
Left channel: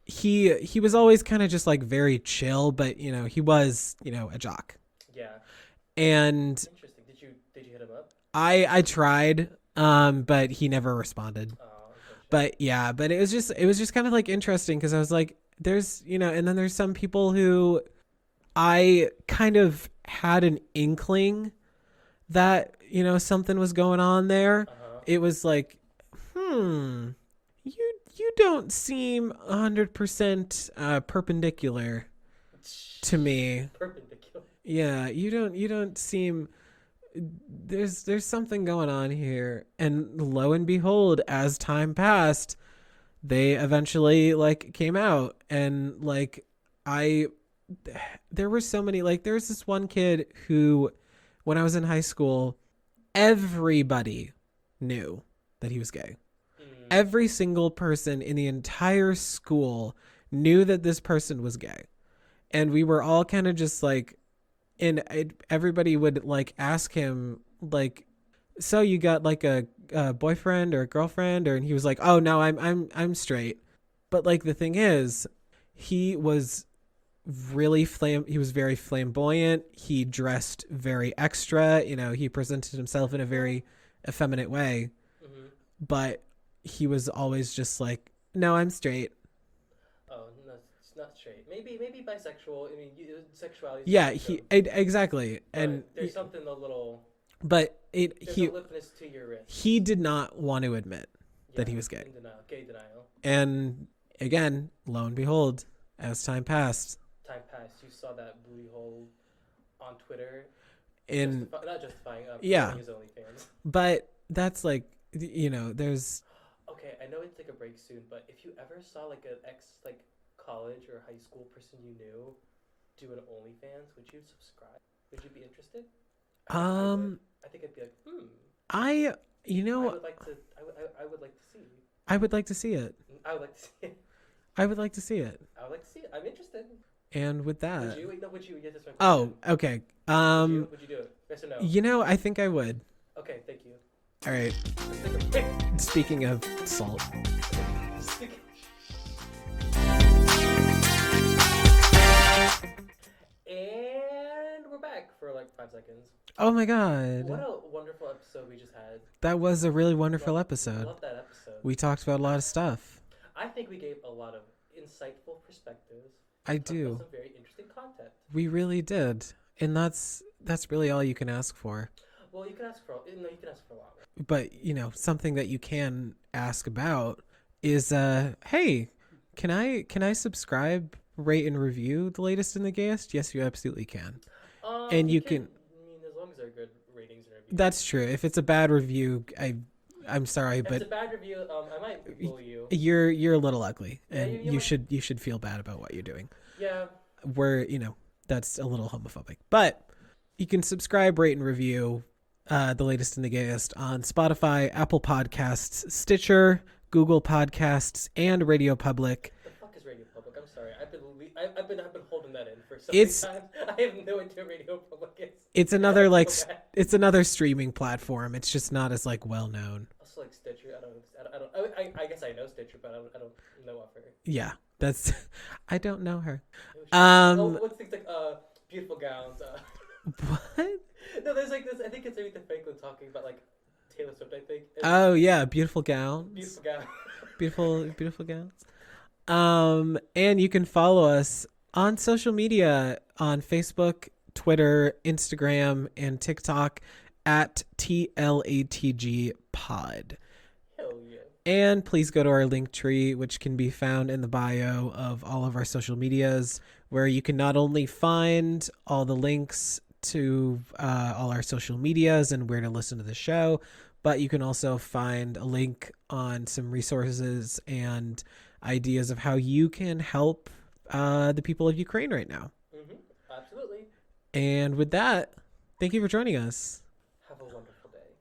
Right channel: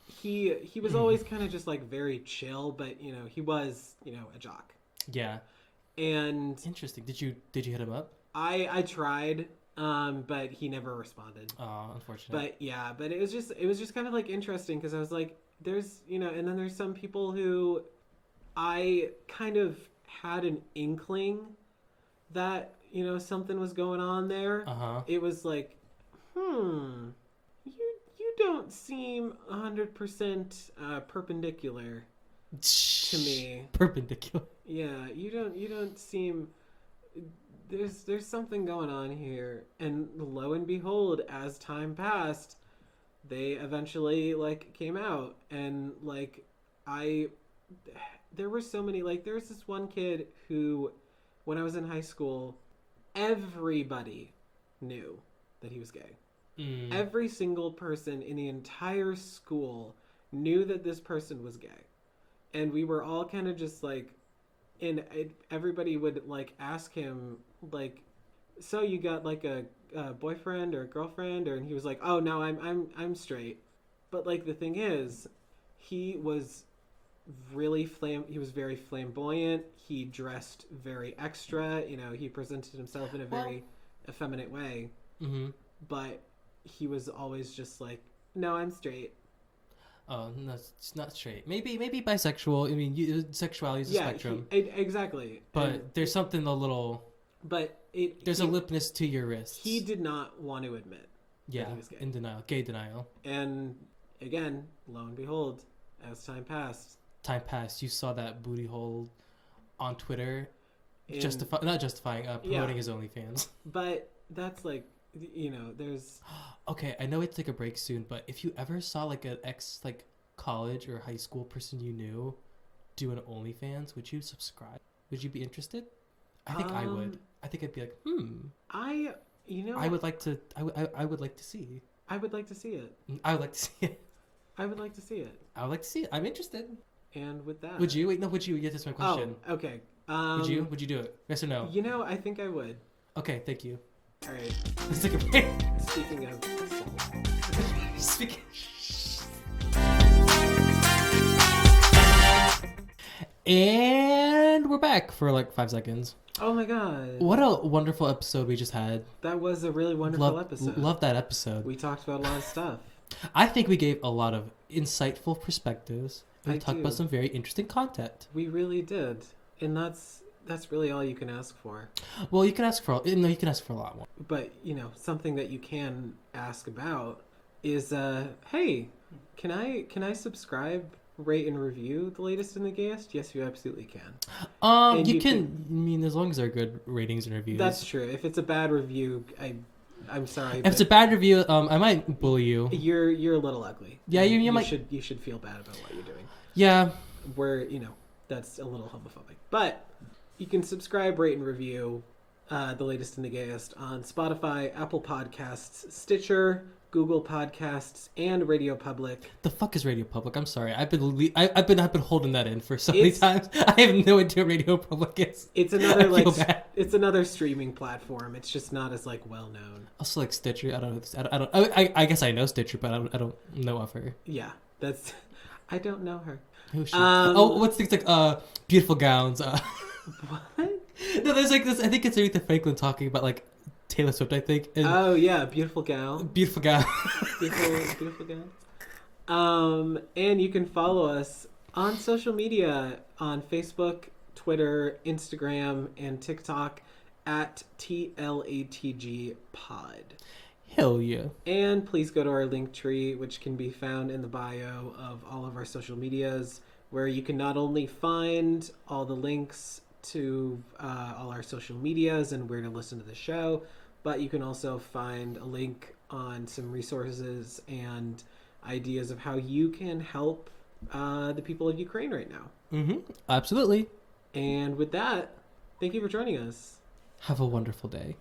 he was always kind of just like very chill, but he was, a jock. Yeah. And interesting. Did you hit him up? I tried, but he never responded. Oh, unfortunately. But yeah, but it was just kind of like interesting, because I was like, there's, and then there's some people who I kind of had an inkling that, something was going on there. It was like, you don't seem 100% perpendicular to me. Perpendicular. Yeah, you don't seem, there's something going on here. And lo and behold, as time passed, they eventually like came out, and like there were so many, like there's this one kid who, when I was in high school, everybody knew that he was gay. Every single person in the entire school knew that this person was gay. And we were all kind of just like, and everybody would like ask him like, so you got like a boyfriend or a girlfriend? And he was like, oh no, I'm straight. But like the thing is, he was he was very flamboyant. He dressed very extra. You know, he presented himself in a very effeminate way. Mm-hmm. But he was always just like, no, I'm straight. Oh, no, it's not straight. Maybe bisexual. I mean, sexuality is a spectrum. Exactly. But and there's something a little... But there's a limpness to your wrist. He did not want to admit that he was gay. In denial. Gay denial. And again, lo and behold, as time passed, you saw that booty hole on Twitter, not justifying promoting his OnlyFans. But that's like, you know, there's... Okay, I know it's like a break soon, but if you ever saw like an college or high school person you knew do an OnlyFans, would you subscribe? Would you be interested? I think I would. I think I'd be like, I would like to. I would like to see. I would like to see it. I would like to see it. I would like to see it. I would like to see it. I'm interested. And with that, would you? Wait, no. Would you? Get this my question. Oh, okay. Would you do it? Yes or no? You know, I think I would. Okay, thank you. All right. Speaking of salt. And we're back for like 5 seconds. Oh my god. What a wonderful episode we just had. That was a really wonderful episode. Love that episode. We talked about a lot of stuff. I think we gave a lot of insightful perspectives. And talked about some very interesting content. We really did. And that's really all you can ask for. Well, you can ask for a lot more. But, you know, something that you can ask about is hey, can I subscribe, rate and review The Latest and the Gayest? Yes, you absolutely can. And you can I mean, as long as they're good ratings and reviews. That's true. If it's a bad review, I'm sorry. If it's a bad review, I might bully you. You're a little ugly. Yeah, you should feel bad about what you're doing. Yeah. That's a little homophobic. But you can subscribe, rate, and review The Latest and the Gayest on Spotify, Apple Podcasts, Stitcher, Google Podcasts, and Radio Public. The fuck is Radio Public? I'm sorry. I've been holding that in for so many times. I have no idea what Radio Public is. It's another it's another streaming platform. It's just not as like well known. Also like Stitcher. I guess I know Stitcher, but I don't know of her. Yeah, I don't know her. What's things like beautiful gowns? What? No, there's like this. I think it's Aretha Franklin talking about like Taylor Swift, I think. And beautiful gown. Beautiful gown. beautiful gowns. And you can follow us on social media on Facebook, Twitter, Instagram, and TikTok at TLATG Pod. Hell yeah. And please go to our link tree, which can be found in the bio of all of our social medias, where you can not only find all the links to all our social medias and where to listen to the show, but you can also find a link on some resources and ideas of how you can help the people of Ukraine right now. Mm-hmm. Absolutely. And with that, thank you for joining us. Have a wonderful day.